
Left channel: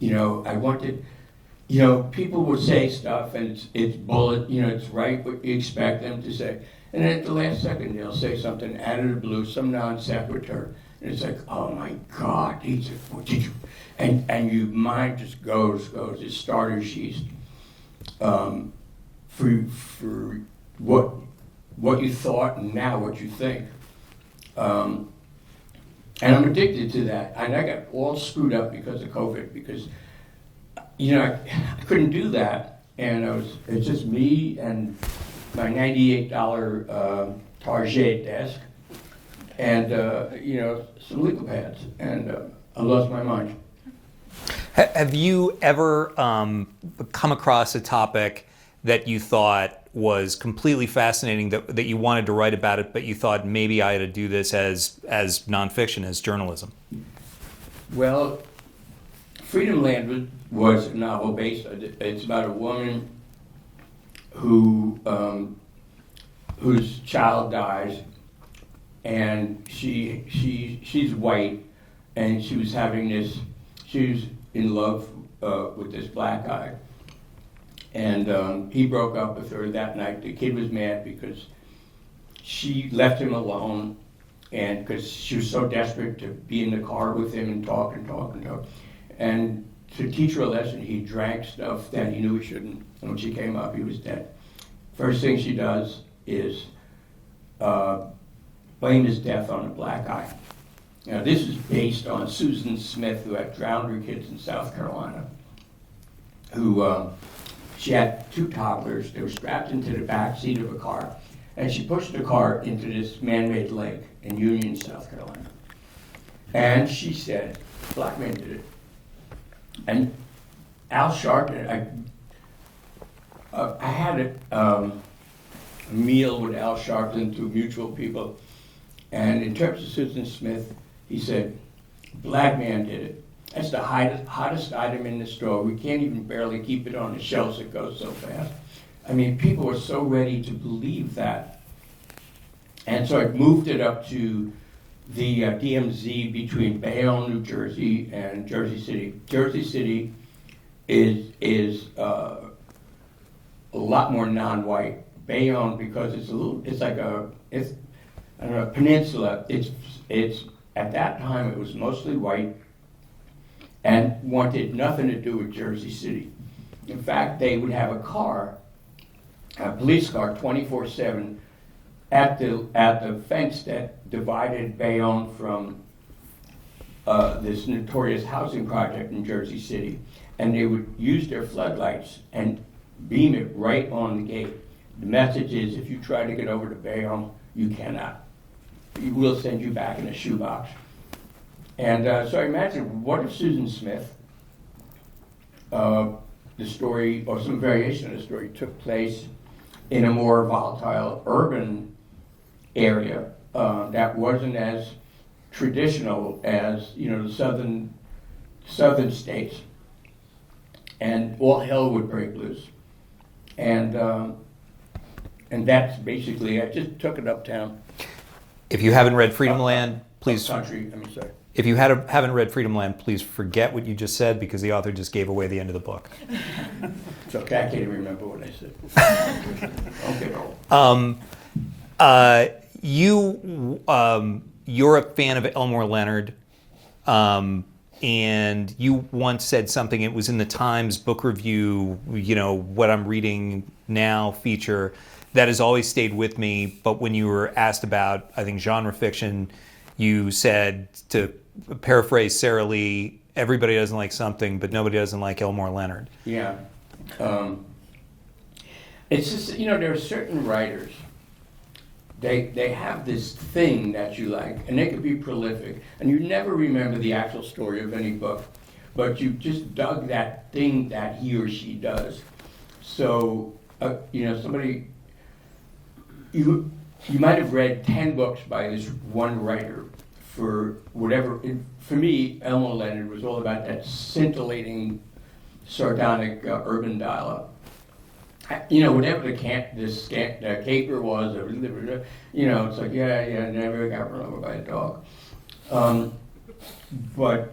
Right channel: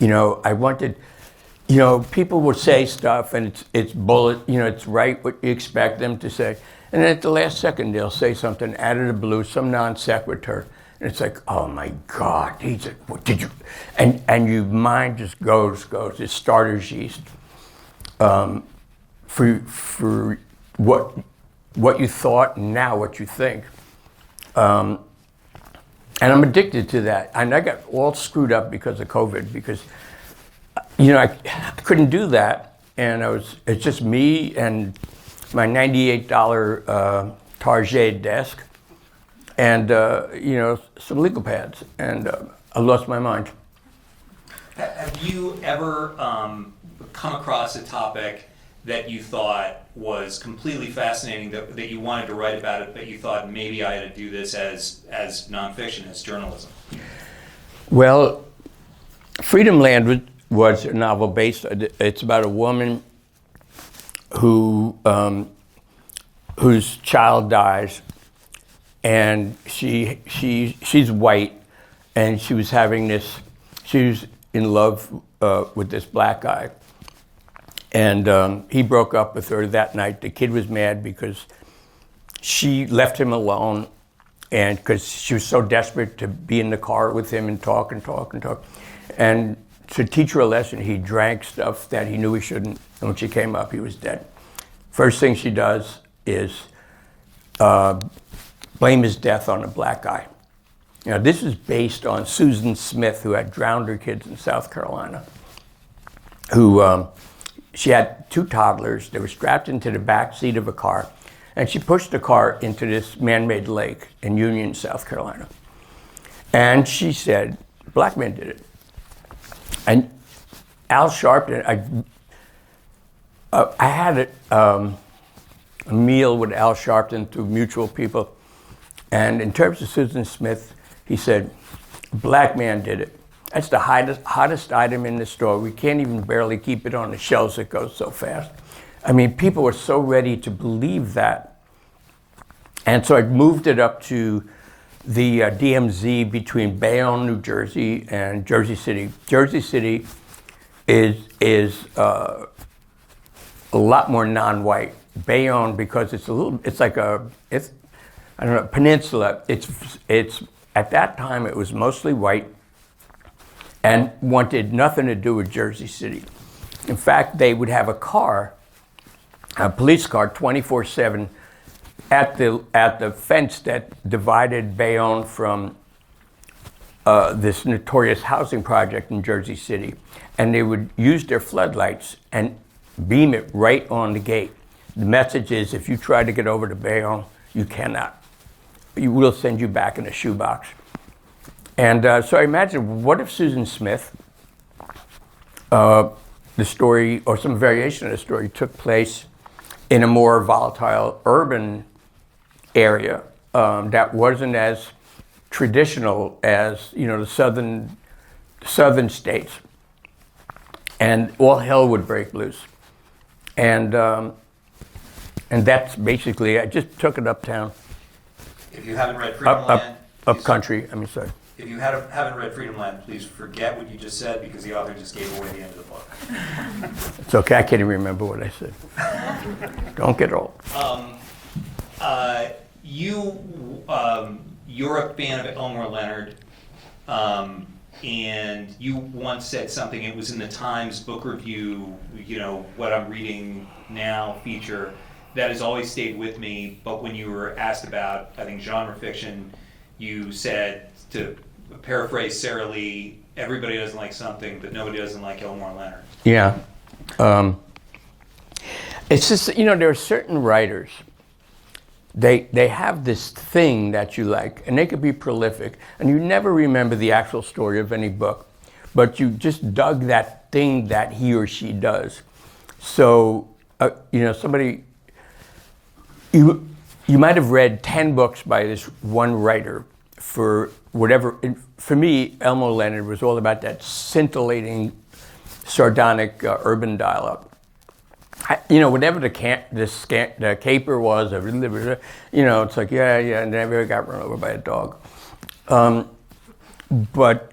I wanted, people would say stuff and it's bullet, it's right what you expect them to say. And then at the last second, they'll say something out of the blue, some non sequitur. And it's like, oh my God, what did you? And your mind just goes. It's starter's yeast for what you thought and now what you think. And I'm addicted to that. And I got all screwed up because of COVID because, I couldn't do that. And it's just me and my $98 Target desk and, some legal pads. And I lost my mind. Have you ever come across a topic that you thought was completely fascinating, that you wanted to write about it, but you thought maybe I had to do this as nonfiction, as journalism? Well, Freedom Land was a novel based. It's about a woman whose child dies, and she's white, and she was in love with this black guy. And he broke up with her that night. The kid was mad because she left him alone, and because she was so desperate to be in the car with him and talk. And to teach her a lesson, he drank stuff that he knew he shouldn't. And when she came up, he was dead. First thing she does is blame his death on a black guy. This is based on Susan Smith, who had drowned her kids in South Carolina, who she had two toddlers. They were strapped into the back seat of a car, and she pushed the car into this man-made lake in Union, South Carolina. And she said, black men did it. And Al Sharpton, I had a meal with Al Sharpton through mutual people, and in terms of Susan Smith, he said, black man did it. That's the hottest item in the store. We can't even barely keep it on the shelves, it goes so fast. People were so ready to believe that. And so I moved it up to the DMZ between Bayonne, New Jersey and Jersey City. Jersey City is a lot more non-white. Bayonne, because it's like a peninsula. It's at that time it was mostly white and wanted nothing to do with Jersey City. In fact, they would have a police car 24/7 at the fence that divided Bayonne from this notorious housing project in Jersey City. And they would use their floodlights and beam it right on the gate. The message is, if you try to get over to Bayonne, you cannot. We will send you back in a shoebox. And so I imagine, what if Susan Smith, the story, or some variation of the story, took place in a more volatile urban area that wasn't as traditional as the southern states, and all hell would break loose. And And that's basically, I just took it uptown. If you haven't read Freedom Land, Up please, country, I mean, sorry. if you haven't read Freedom Land, please forget what you just said because the author just gave away the end of the book. It's okay, I can't even remember what I said. Don't get old. You're a fan of Elmore Leonard, and you once said something. It was in the Times book review. What I'm reading now feature that has always stayed with me. But when you were asked about, I think, genre fiction, you said, to paraphrase Sarah Lee, everybody doesn't like something, but nobody doesn't like Elmore Leonard. Yeah. It's just, there are certain writers, they have this thing that you like, and they could be prolific, and you never remember the actual story of any book, but you just dug that thing that he or she does. So, somebody, you might have read 10 books by this one writer for whatever. For me, Elmore Leonard was all about that scintillating, sardonic urban dialogue. Whatever the caper was, it's like, and then I got run over by a dog. But,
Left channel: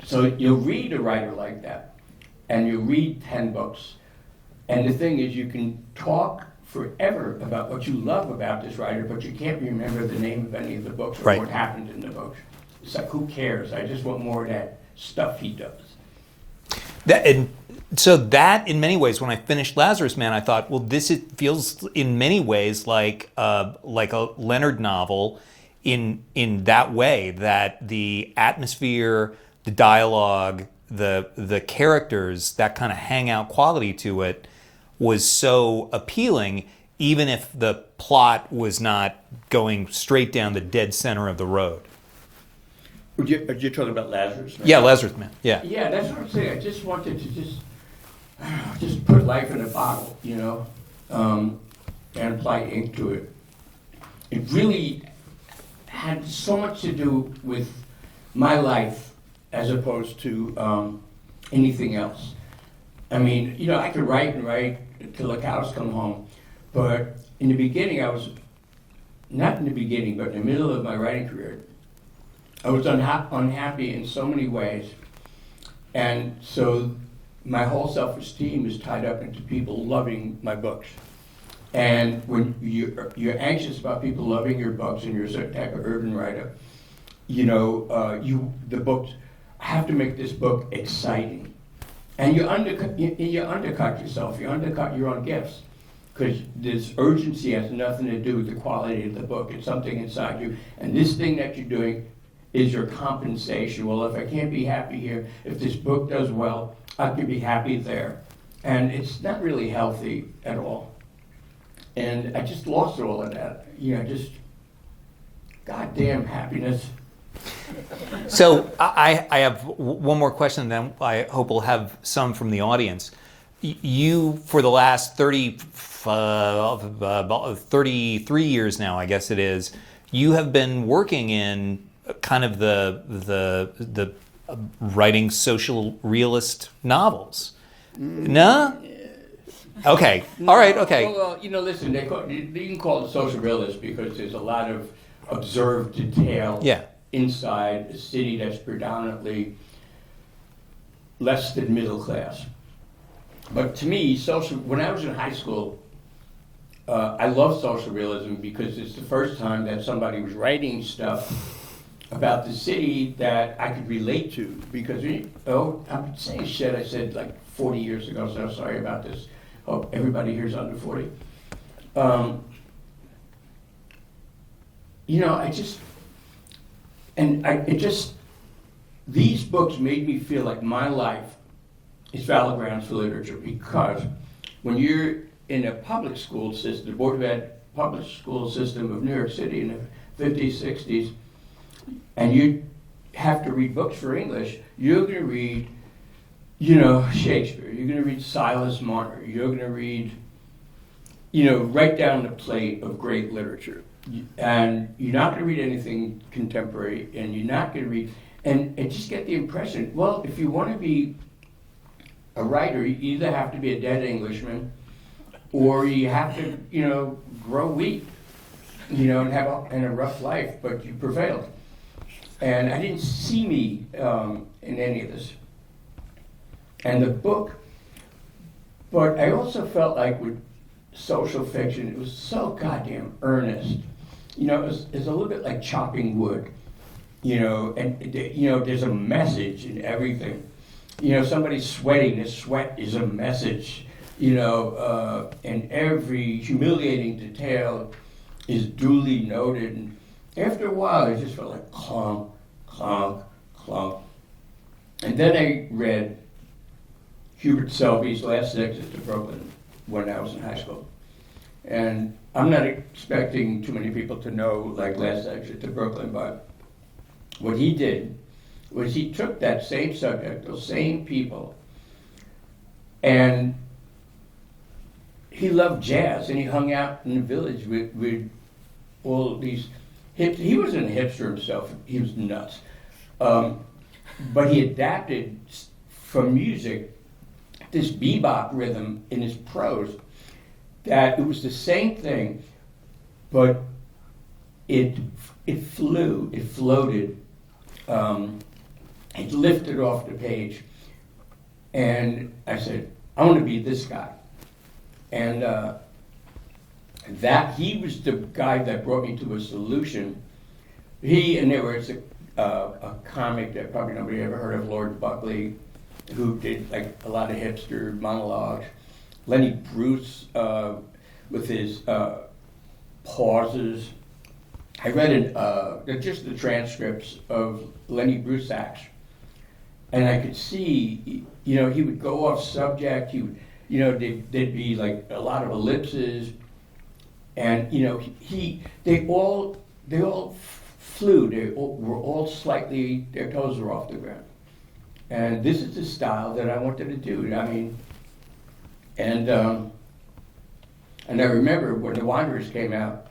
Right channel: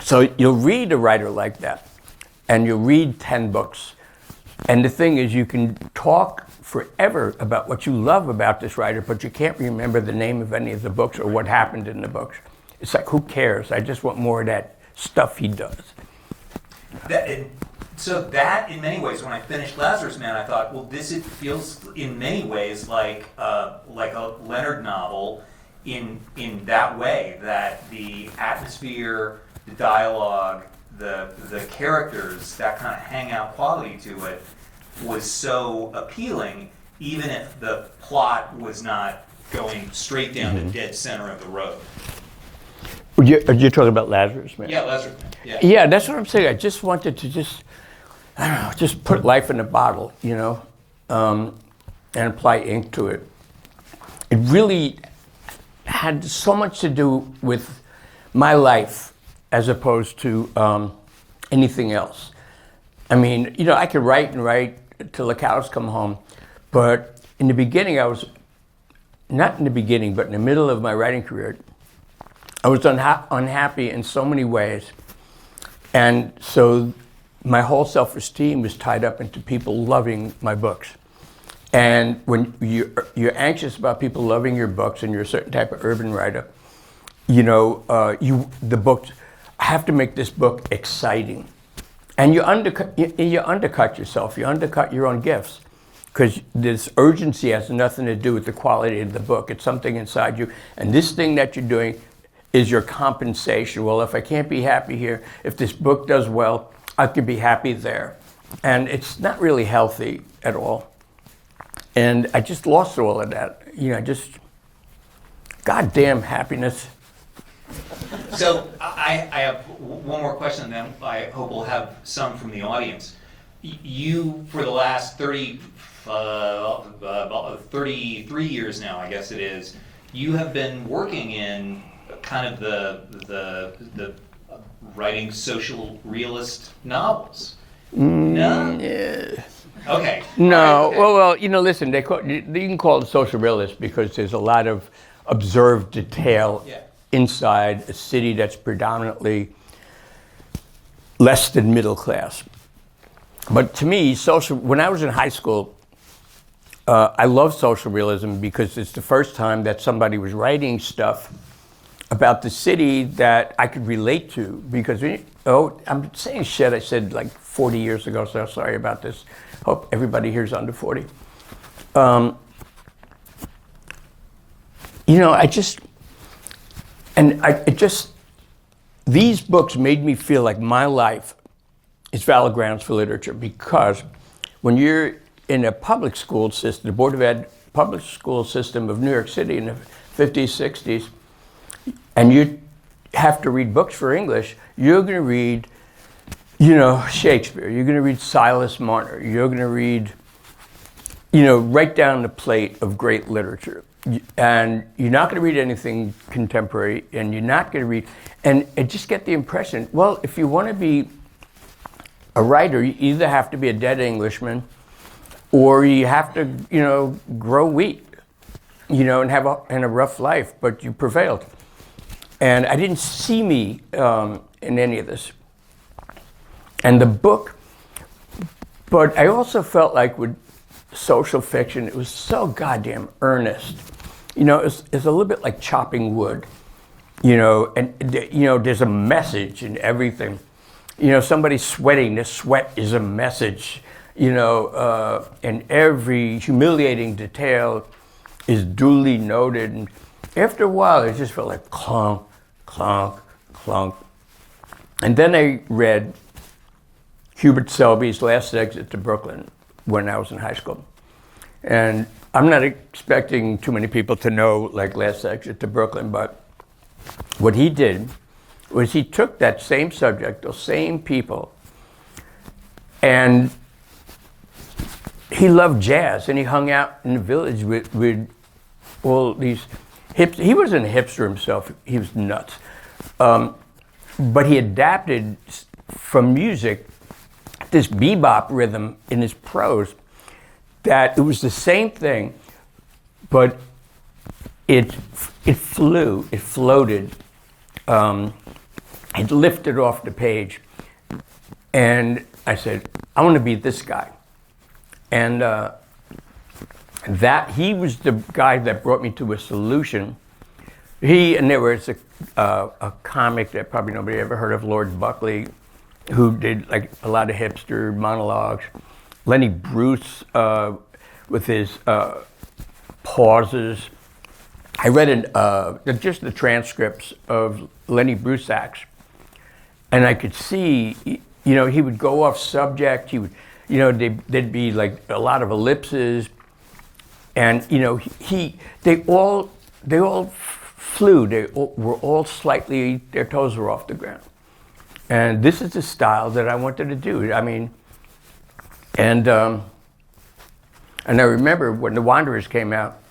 so you'll read a writer like that, and you'll read 10 books. And the thing is, you can talk forever about what you love about this writer, but you can't remember the name of any of the books or Right. what happened in the books. It's like, who cares? I just want more of that stuff he does. So that, in many ways, when I finished Lazarus Man, I thought, well, it feels in many ways like a Leonard novel in that way, that the atmosphere, the dialogue, the characters, that kind of hangout quality to it was so appealing, even if the plot was not going straight down the dead center of the road. You're talking about Lazarus Man? Yeah, Lazarus Man. Yeah. Yeah, that's what I'm saying. I just wanted to just put life in a bottle, and apply ink to it. It really had so much to do with my life as opposed to anything else. I mean, I could write and write till the cows come home, but in the beginning, not in the beginning, but in the middle of my writing career, I was unhappy in so many ways. And so my whole self-esteem is tied up into people loving my books. And when you're anxious about people loving your books and you're a certain type of urban writer, the books, I have to make this book exciting. And you undercut yourself, you undercut your own gifts. Because this urgency has nothing to do with the quality of the book. It's something inside you. And this thing that you're doing is your compensation. Well, if I can't be happy here, if this book does well, I can be happy there. And it's not really healthy at all. And I just lost all of that. Goddamn happiness. So I have one more question, and then I hope we'll have some from the audience. You, for the last 33 years now, I guess it is, you have been working in kind of the writing social realist novels. No? Yeah. Okay. No, All right, okay. well, listen, you can call it social realist because there's a lot of observed detail inside a city that's predominantly less than middle class. But to me, when I was in high school, I loved social realism because it's the first time that somebody was writing stuff about the city that I could relate to. Because, I'm saying shit I said like 40 years ago, so I'm sorry about this. Hope everybody here's under 40. These books made me feel like my life is valid grounds for literature, because when you're in a public school system, the Board of Ed public school system of New York City in the 50s, 60s, and you have to read books for English, you're going to read, Shakespeare, you're going to read Silas Marner, you're going to read, right down the plate of great literature. And you're not going to read anything contemporary, and you're not going to read, and just get the impression, well, if you want to be a writer, you either have to be a dead Englishman, or you have to, grow wheat, and have a rough life, but you prevailed. And I didn't see me in any of this. And the book, but I also felt like with social fiction, it was so goddamn earnest. It's a little bit like chopping wood, and there's a message in everything. Somebody sweating, the sweat is a message, and every humiliating detail is duly noted. And after a while, it just felt like clunk, clunk, clunk. And then I read Hubert Selby's Last Exit to Brooklyn when I was in high school. And I'm not expecting too many people to know like Last Exit to Brooklyn, but what he did was he took that same subject, those same people, and he loved jazz, and he hung out in the village with all these he wasn't a hipster himself, he was nuts. But he adapted from music this bebop rhythm in his prose that it was the same thing, but it flew, it floated, it lifted off the page. And I said, I want to be this guy. And that he was the guy that brought me to a solution. And there was a comic that probably nobody ever heard of, Lord Buckley, who did like a lot of hipster monologues. Lenny Bruce with his pauses. I read just the transcripts of Lenny Bruce acts, and I could see, he would go off subject. He would, there'd be like a lot of ellipses, and they all flew. They were all slightly, their toes were off the ground. And this is the style that I wanted to do. I mean, and I remember when The Wanderers came out,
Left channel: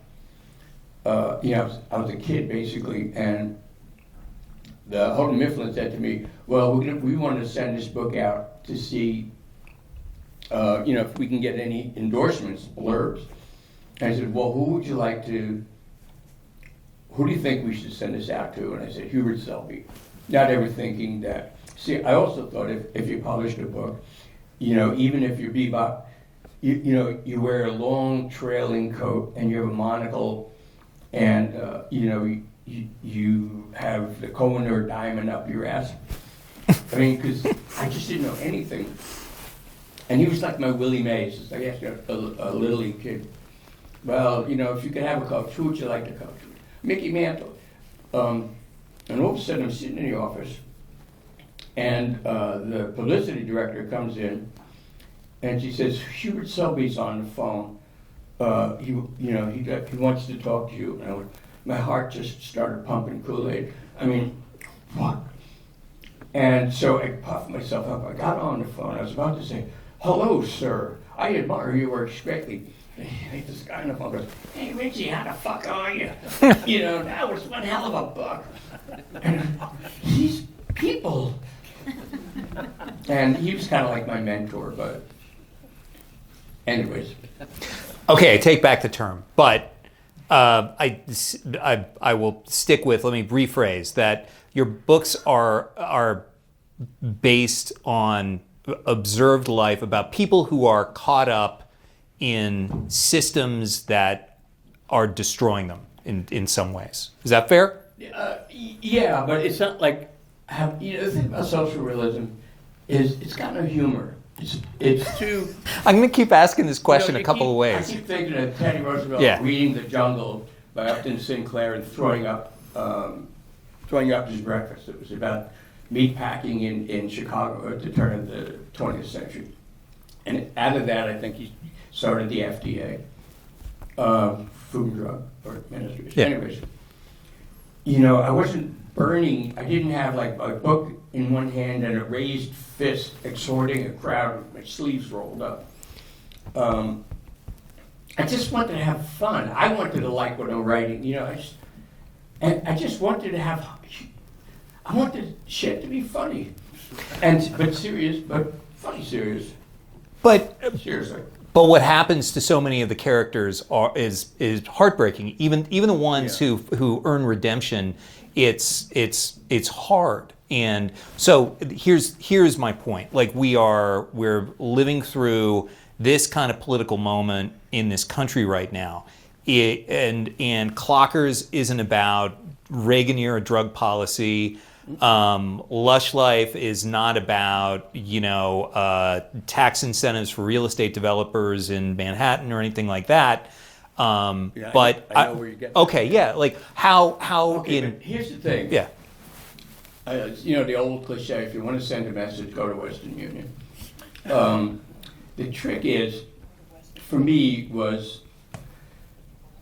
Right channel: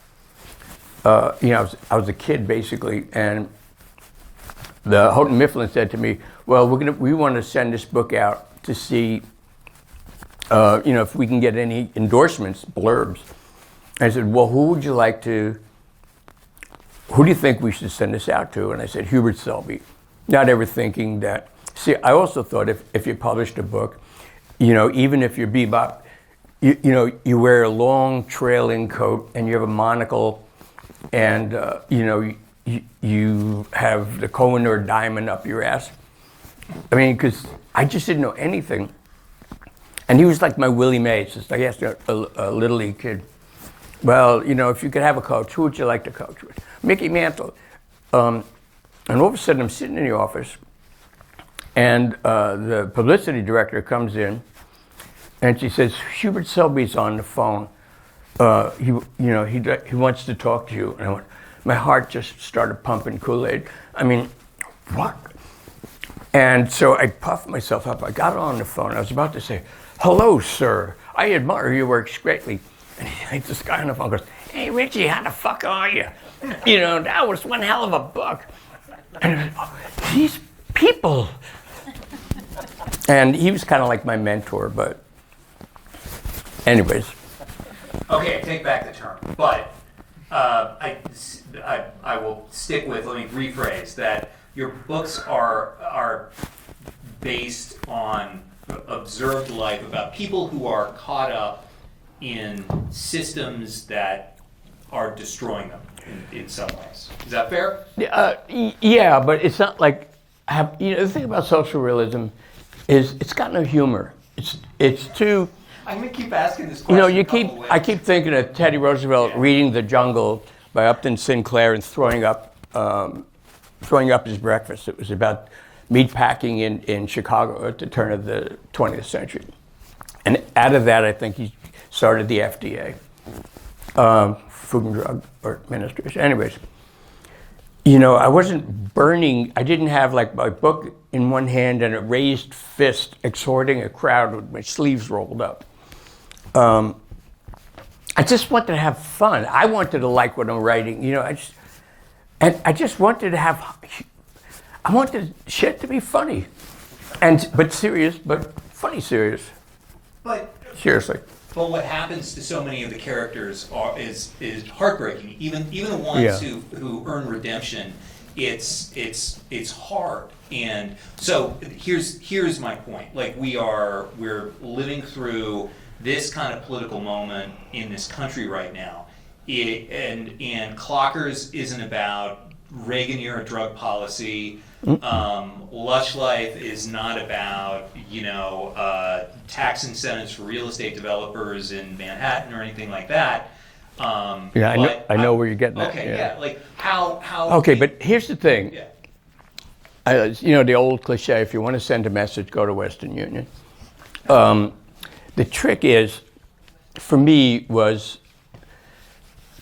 I was a kid basically, and the Houghton Mifflin said to me, well, we want to send this book out to see, if we can get any endorsements, blurbs. I said, well, who do you think we should send this out to? And I said, Hubert Selby. Not ever thinking that. See, I also thought if you published a book, even if you're bebop, you wear a long trailing coat and you have a monocle, and you have the Kohinoor diamond up your ass. I mean, because I just didn't know anything. And he was like my Willie Mays. It's like I asked a Little League kid, well, if you could have a coach, who would you like to coach with? Mickey Mantle. And all of a sudden I'm sitting in the office, and the publicity director comes in, and she says, Hubert Selby's on the phone. He wants to talk to you. And I went, my heart just started pumping Kool-Aid. I mean, what? And so I puffed myself up. I got on the phone. I was about to say, hello, sir. I admire your works greatly. And this guy on the phone goes, hey, Richie, how the fuck are you? That was one hell of a book. And these people. And he was kind of like my mentor, but anyways. Okay, I take back the term, but I will stick with, let me rephrase, that your books are based on observed life about people who are caught up in systems that are destroying them in some ways. Is that fair? Yeah, but it's not like, the thing about social realism is it's got no humor. It's too... I'm going to keep asking this question a couple of ways. I keep thinking of Teddy Roosevelt reading The Jungle by Upton Sinclair and throwing up his breakfast. It was about meatpacking in Chicago at the turn of the 20th century. And out of that, I think he started the FDA, Food and Drug Administration. Anyways, I wasn't burning. I didn't have like my book in one hand and a raised fist exhorting a crowd with my sleeves rolled up. I just wanted to have fun. I wanted to like what I'm writing. I just wanted to have. I wanted shit to be funny, but serious, but funny serious. But seriously. But what happens to so many of the characters is heartbreaking. Even the ones who earn redemption, it's hard. And so here's my point. Like we're living through this kind of political moment in this country right now. And Clockers isn't about Reagan era drug policy. Lush Life is not about tax incentives for real estate developers in Manhattan or anything like that. But I know where you're getting. Okay, like how. Okay, but here's the thing. Yeah. The old cliche: if you want to send a message, go to Western Union. The trick is, for me, was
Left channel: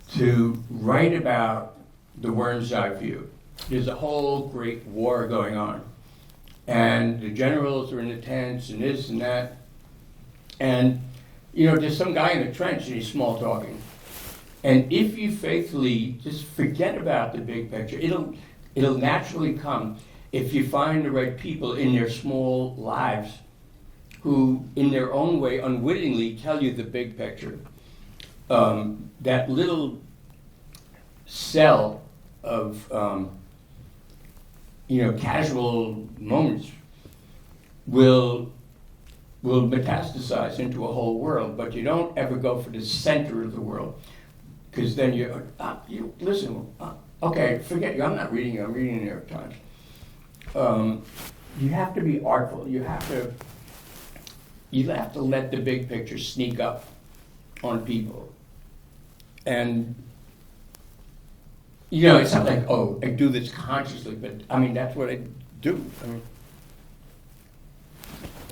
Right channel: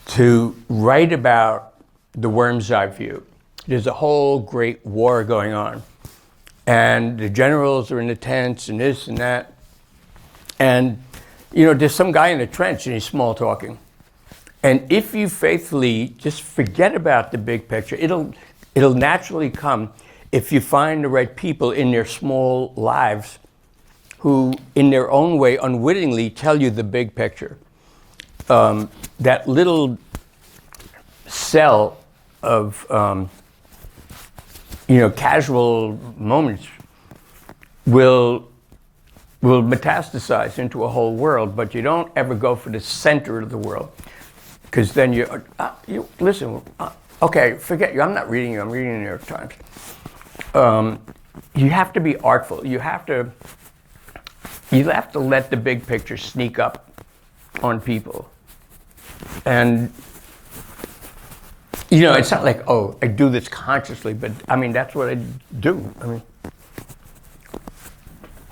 to write about the worm's eye view. There's a whole great war going on. And the generals are in the tents and this and that. And, there's some guy in the trench and he's small talking. And if you faithfully just forget about the big picture, it'll naturally come if you find the right people in their small lives who, in their own way, unwittingly tell you the big picture. That little cell of casual moments will metastasize into a whole world, but you don't ever go for the center of the world, because then okay, forget you. I'm not reading you. I'm reading the New York Times. You have to be artful. You have to let the big picture sneak up on people, and. It's not like, I do this consciously, but that's what I do. All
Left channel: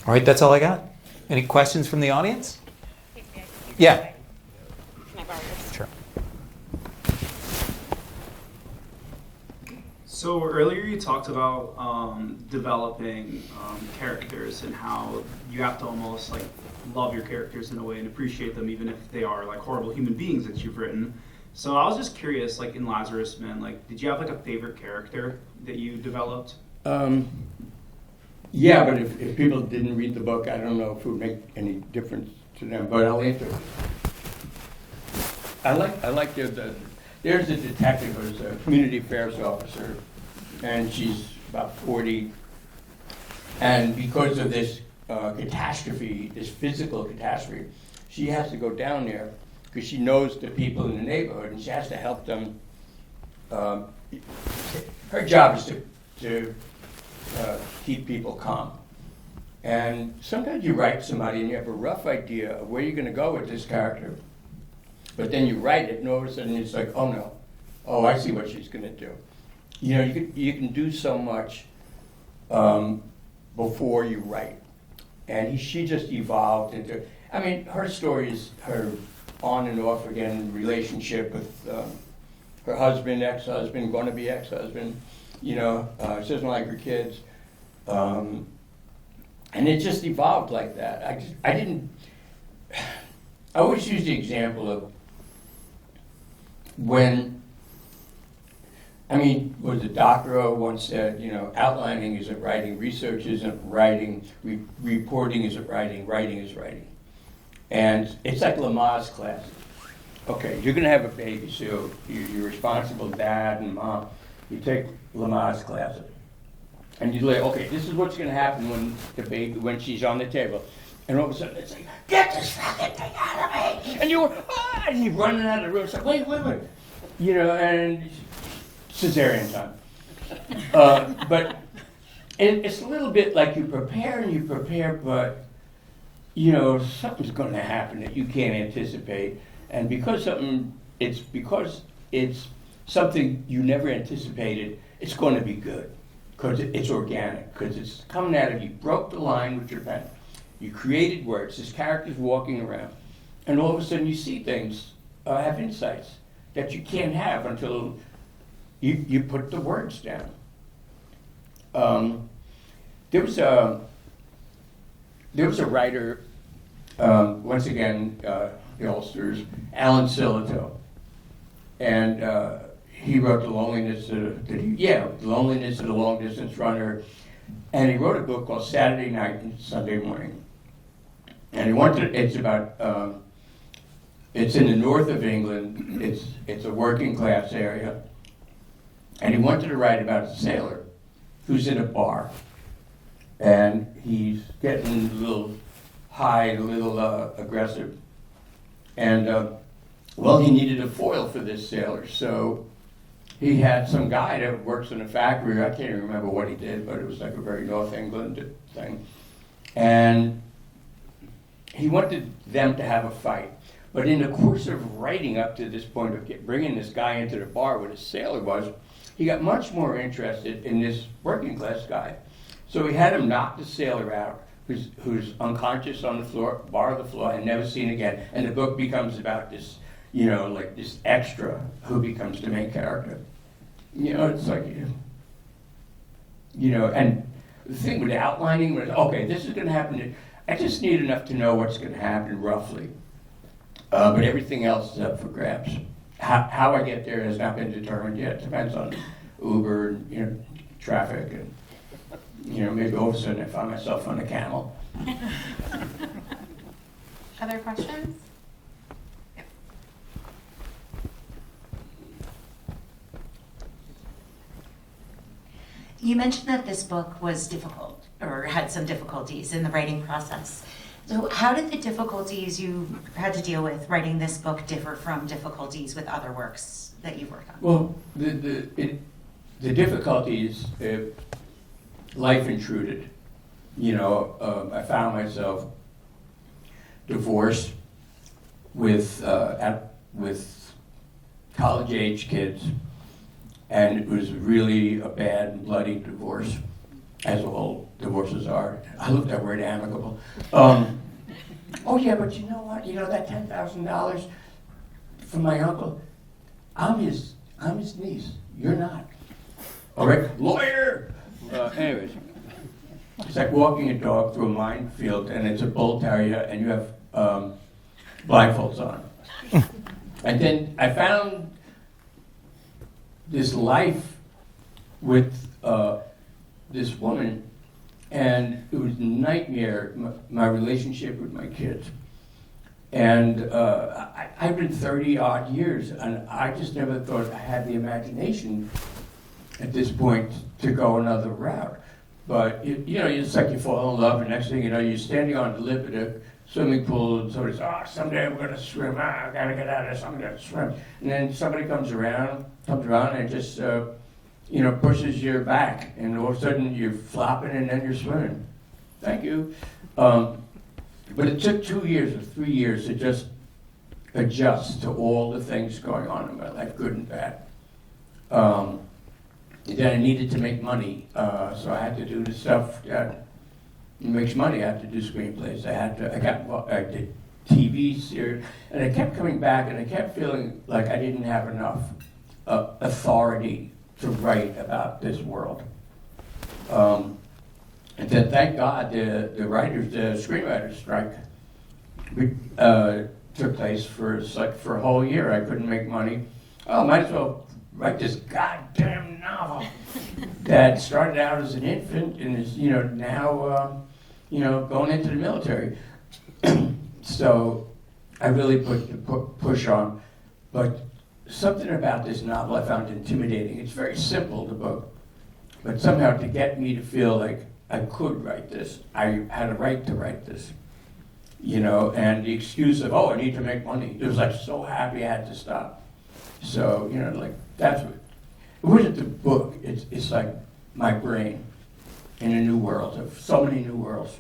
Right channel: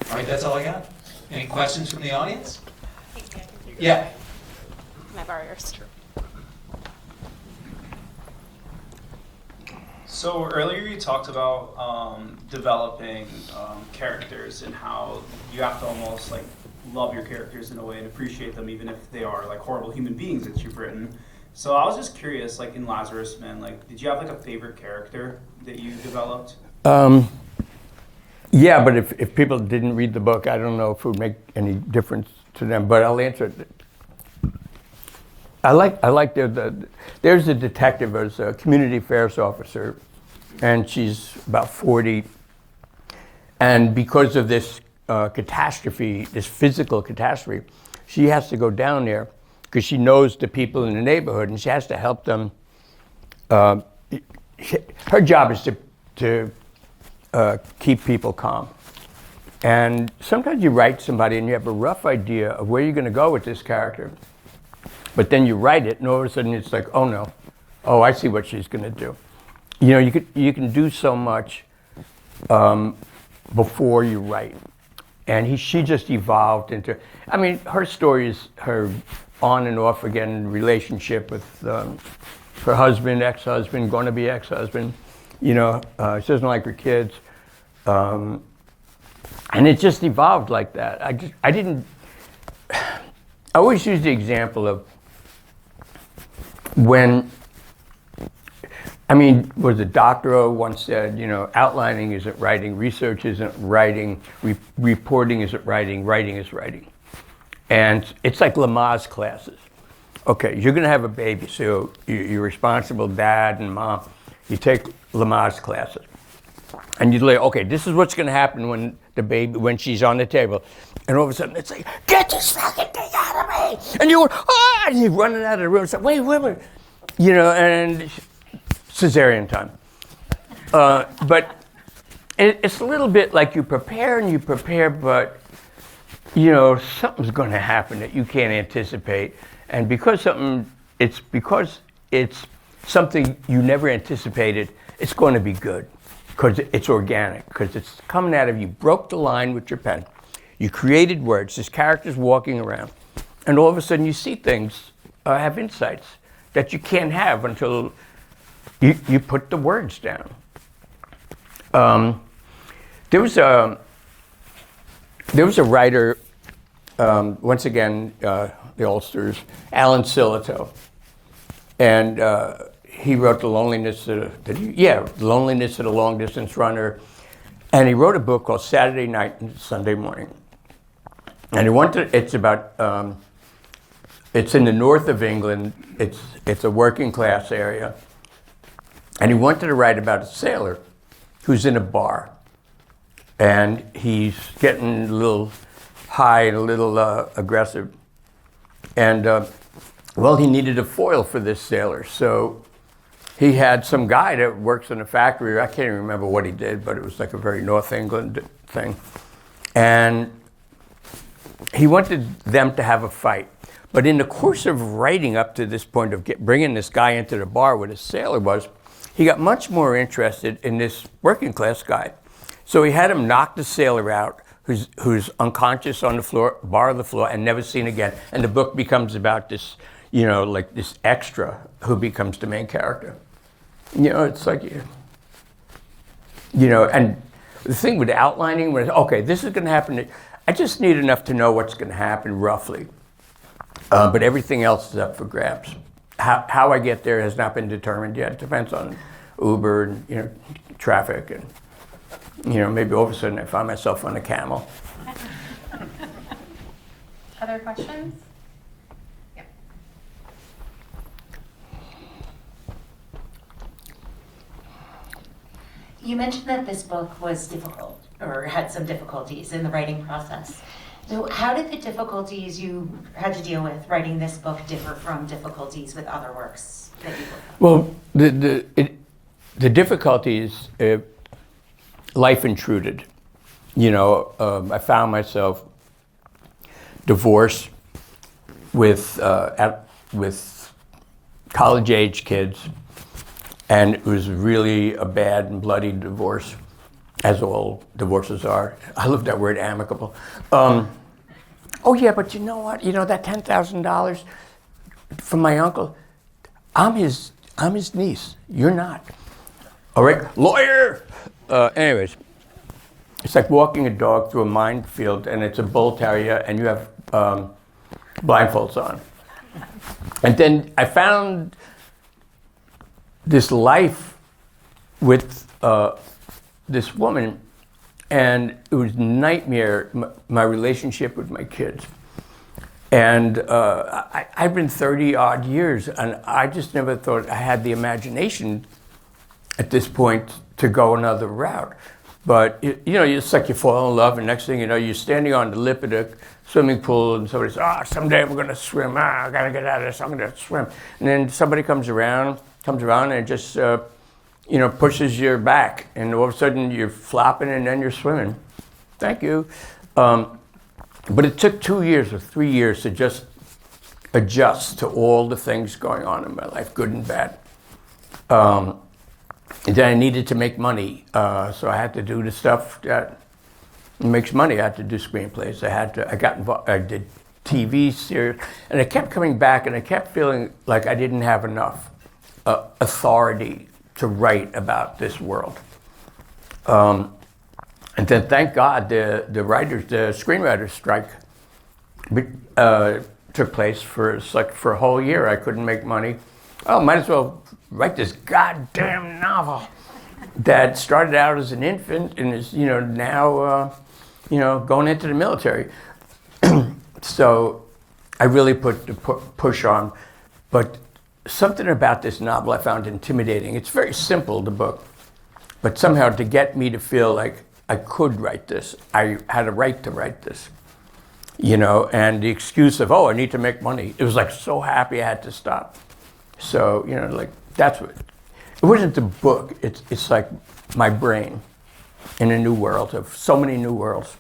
right, that's all I got. Any questions from the audience? Yeah. My burgers. Sure. So earlier you talked about developing characters and how you have to almost like love your characters in a way and appreciate them even if they are like horrible human beings that you've written. So I was just curious, like in Lazarus Man, like did you have like a favorite character that you developed? Yeah, but if people didn't read the book, I don't know if it would make any difference to them. But I'll answer it. I like there's a detective, there's a community affairs officer, and she's about 40, and because of this catastrophe, this physical catastrophe, she has to go down there. Because she knows the people in the neighborhood and she has to help them. Her job is to keep people calm. And sometimes you write somebody and you have a rough idea of where you're going to go with this character. But then you write it and all of a sudden it's like, oh no, I see what she's going to do. You can do so much before you write. And she just evolved into, her story is her on and off again relationship with her husband, ex-husband, going to be ex-husband. She doesn't like her kids. And it just evolved like that. I always use the example of when, was a doctor once said, outlining isn't writing, research isn't writing, reporting isn't writing, writing is writing. And it's like Lamaze classes. Okay, you're gonna have a baby, so you're responsible, dad and mom. You take Lamaze classes. And you lay, okay, this is what's gonna happen when she's on the table. And all of a sudden it's like, get this fucking thing out of me! And you're, and you're running out of the room. It's like, wait, and cesarean time. But it's a little bit like you prepare, but something's going to happen that you can't anticipate, and because it's something you never anticipated, it's going to be good, because it's organic, because it's coming out of you. Broke the line with your pen, you created words. This character's walking around, and all of a sudden you see things, have insights that you can't have until you put the words down. There was a writer. Once again, the Ulsters, Alan Silito, and he wrote The Loneliness of the Long Distance Runner, and he wrote a book called Saturday Night and Sunday Morning, and it's about It's in the north of England. It's a working class area. And he wanted to write about a sailor who's in a bar. And he's getting a little high and a little aggressive. And, well, he needed a foil for this sailor. So he had some guy that works in a factory. I can't even remember what he did, but it was like a very North England thing. And he wanted them to have a fight. But in the course of writing up to this point of bringing this guy into the bar where the sailor was, he got much more interested in this working class guy. So he had him knock the sailor out, who's unconscious on the floor, bar on the floor, and never seen again. And the book becomes about this, you know, like this extra who becomes the main character. You know, it's like, you know, and the thing with outlining, when it's, okay, this is going to happen, I just need enough to know what's going to happen roughly. But everything else is up for grabs. How I get there has not been determined yet. It depends on Uber and, you know, traffic and, you know, maybe all of a sudden I find myself on a camel. Other questions? Yep. You mentioned that this book was difficult or had some difficulties in the writing process. So how did the difficulties you had to deal with writing this book differ from difficulties with other works that you worked on? Well, the difficulties, life intruded. You know, I found myself divorced with college-age kids, and it was really a bad and bloody divorce, as all divorces are. I love that word, amicable. Oh yeah, but you know what? You know that $10,000 from my uncle. I'm his niece. You're not. All right, lawyer. Anyways, it's like walking a dog through a minefield, and it's a bull terrier, and you have blindfolds on. And then I found this life with this woman, and it was a nightmare, my relationship with my kids. And I've been 30 odd years, and I just never thought I had the imagination at this point to go another route. But you know, it's like you fall in love, and next thing you know, you're standing on the lip of the swimming pool, and somebody says, someday we're gonna swim, I gotta get out of this, I'm gonna swim. And then somebody comes around and just you know, pushes your back, and all of a sudden you're flopping and then you're swimming. Thank you. But it took 2 years or 3 years to just adjust to all the things going on in my life, good and bad. And then I needed to make money, so I had to do the stuff that makes money. I had to do screenplays. I got involved. I did TV series, and I kept coming back, and I kept feeling like I didn't have enough authority to write about this world. And then, thank God, the screenwriters strike took place for a whole year. I couldn't make money. Oh, might as well write this goddamn novel that started out as an infant and is, you know, now, you know, going into the military. So I really put the push on, but something about this novel I found intimidating. It's very simple, the book, but somehow to get me to feel like I could write this, I had a right to write this, you know, and the excuse of, oh, I need to make money. It was like so happy I had to stop. So, you know, like that's what, it wasn't the book, it's like my brain in a new world of so many new worlds.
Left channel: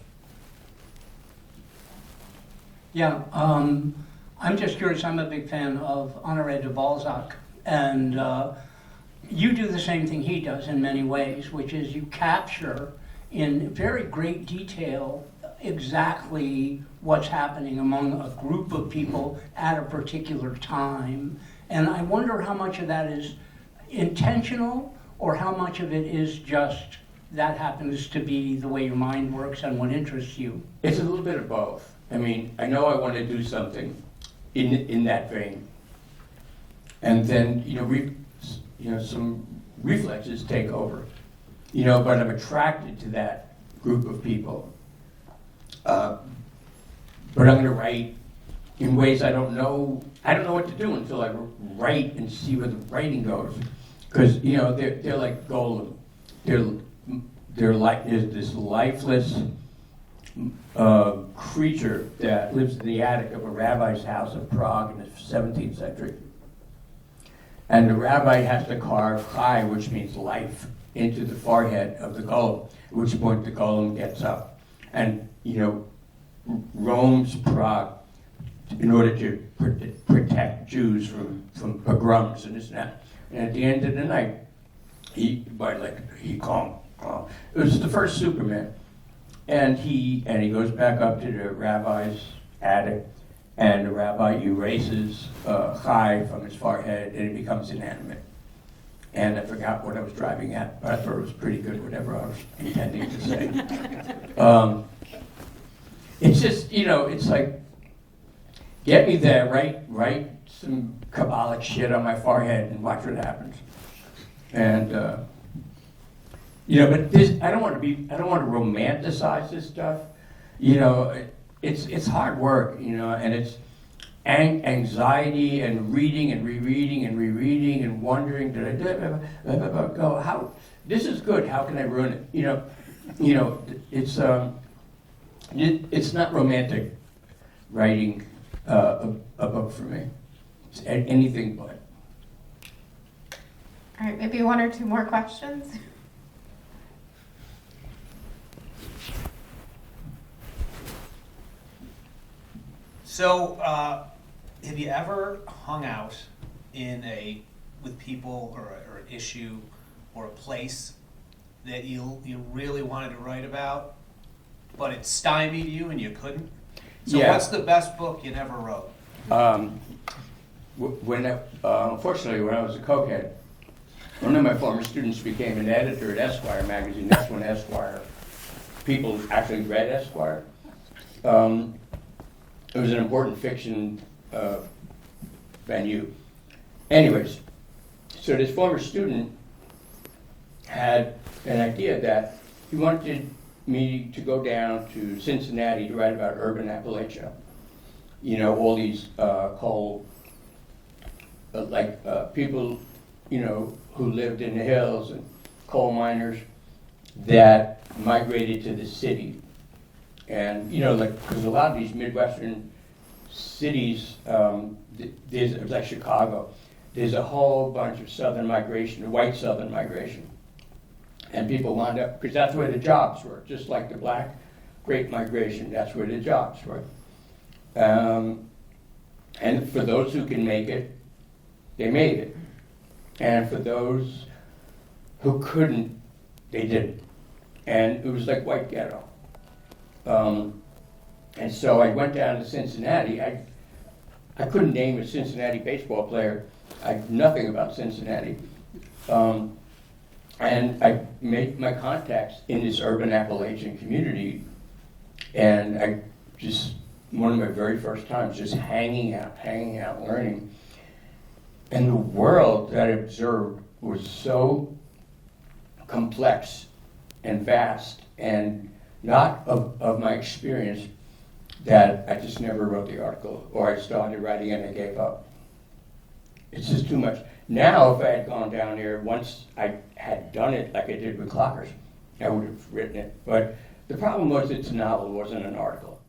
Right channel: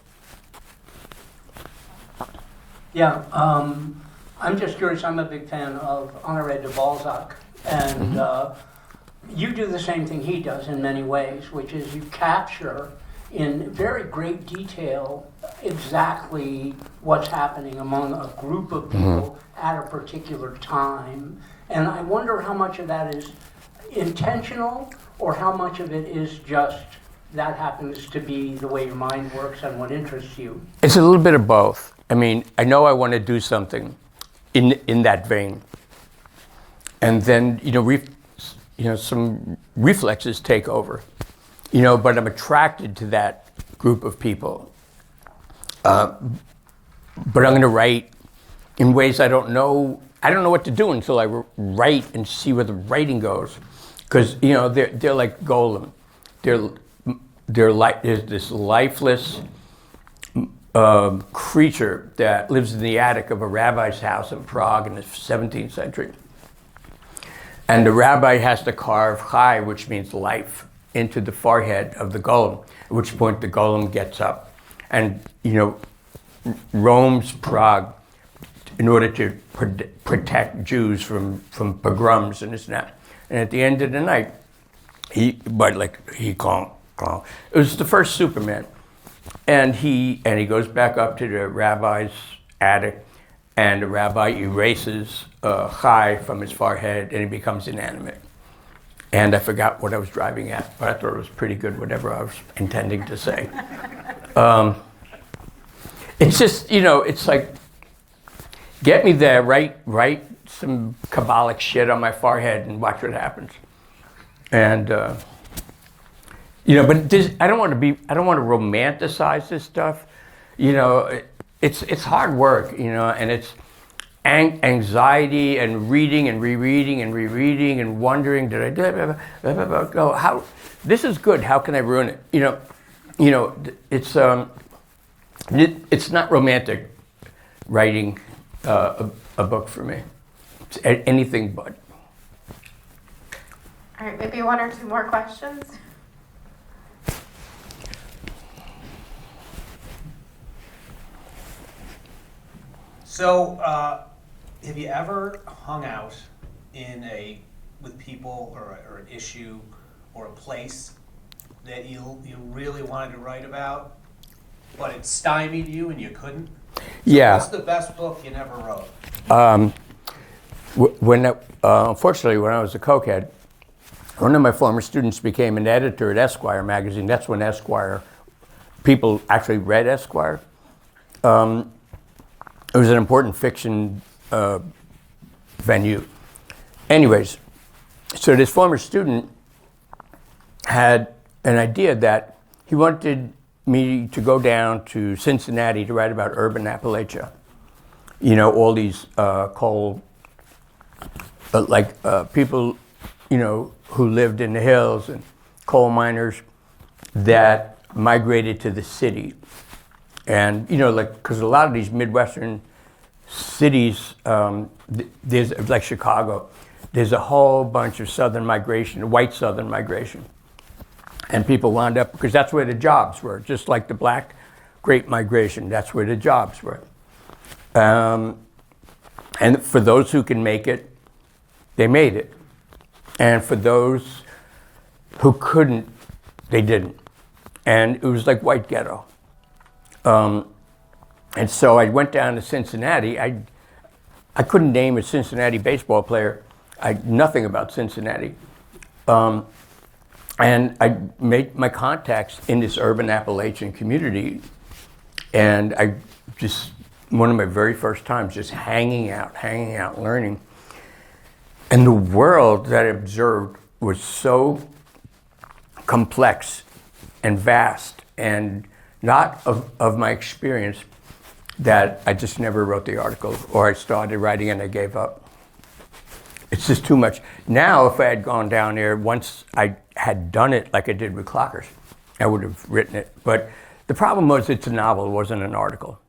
Yeah, I'm just curious, I'm a big fan of Honoré de Balzac, and you do the same thing he does in many ways, which is you capture in very great detail exactly what's happening among a group of people at a particular time. And I wonder how much of that is intentional or how much of it is just that happens to be the way your mind works and what interests you. It's a little bit of both. I mean, I know I want to do something in that vein. And then, you know, some reflexes take over. You know, but I'm attracted to that group of people. But I'm going to write in ways I don't know what to do until I write and see where the writing goes. Because, you know, they're like golem. They're like this lifeless creature that lives in the attic of a rabbi's house in Prague in the 17th century. And the rabbi has to carve chai, which means life, into the forehead of the golem, at which point the golem gets up and, you know, roams Prague in order to protect Jews from pogroms and this and that. And at the end of the night, he calm. It was the first Superman. And he goes back up to the rabbi's attic, and the rabbi erases chai from his forehead, and he becomes inanimate. And I forgot what I was driving at, but I thought it was pretty good, whatever I was intending to say. It's just, you know, it's like, get me there, write some Kabbalic shit on my forehead and watch what happens. And, you know, but this, I don't want to romanticize this stuff. You know, it's hard work, you know, and it's anxiety and reading and rereading and rereading and wondering, did I go, how, this is good, how can I ruin it? You know, it's not romantic writing a book for me. It's anything but. All right, maybe one or two more questions. So, have you ever hung out with people or an issue or a place that you really wanted to write about, but it stymied you and you couldn't? So Yeah. What's the best book you never wrote? Unfortunately, when I was a cokehead, one of my former students became an editor at Esquire magazine. That's when Esquire, people actually read Esquire. It was an important fiction venue. Anyways, so this former student had an idea that he wanted me to go down to Cincinnati to write about urban Appalachia. You know, all these people, you know, who lived in the hills and coal miners that migrated to the city. And, you know, like, because a lot of these Midwestern cities, there's, like Chicago, there's a whole bunch of Southern migration, white Southern migration. And people wound up, because that's where the jobs were, just like the black Great Migration, that's where the jobs were. And for those who can make it, they made it. And for those who couldn't, they didn't. And it was like white ghetto. And so I went down to Cincinnati. I couldn't name a Cincinnati baseball player. I nothing about Cincinnati. And I made my contacts in this urban Appalachian community. And I just, one of my very first times, just hanging out, learning. And the world that I observed was so complex and vast and not of my experience that I just never wrote the article, or I started writing and I gave up. It's just too much. Now, if I had gone down there, once I had done it like I did with Clockers, I would have written it. But the problem was it's a novel, it wasn't an article.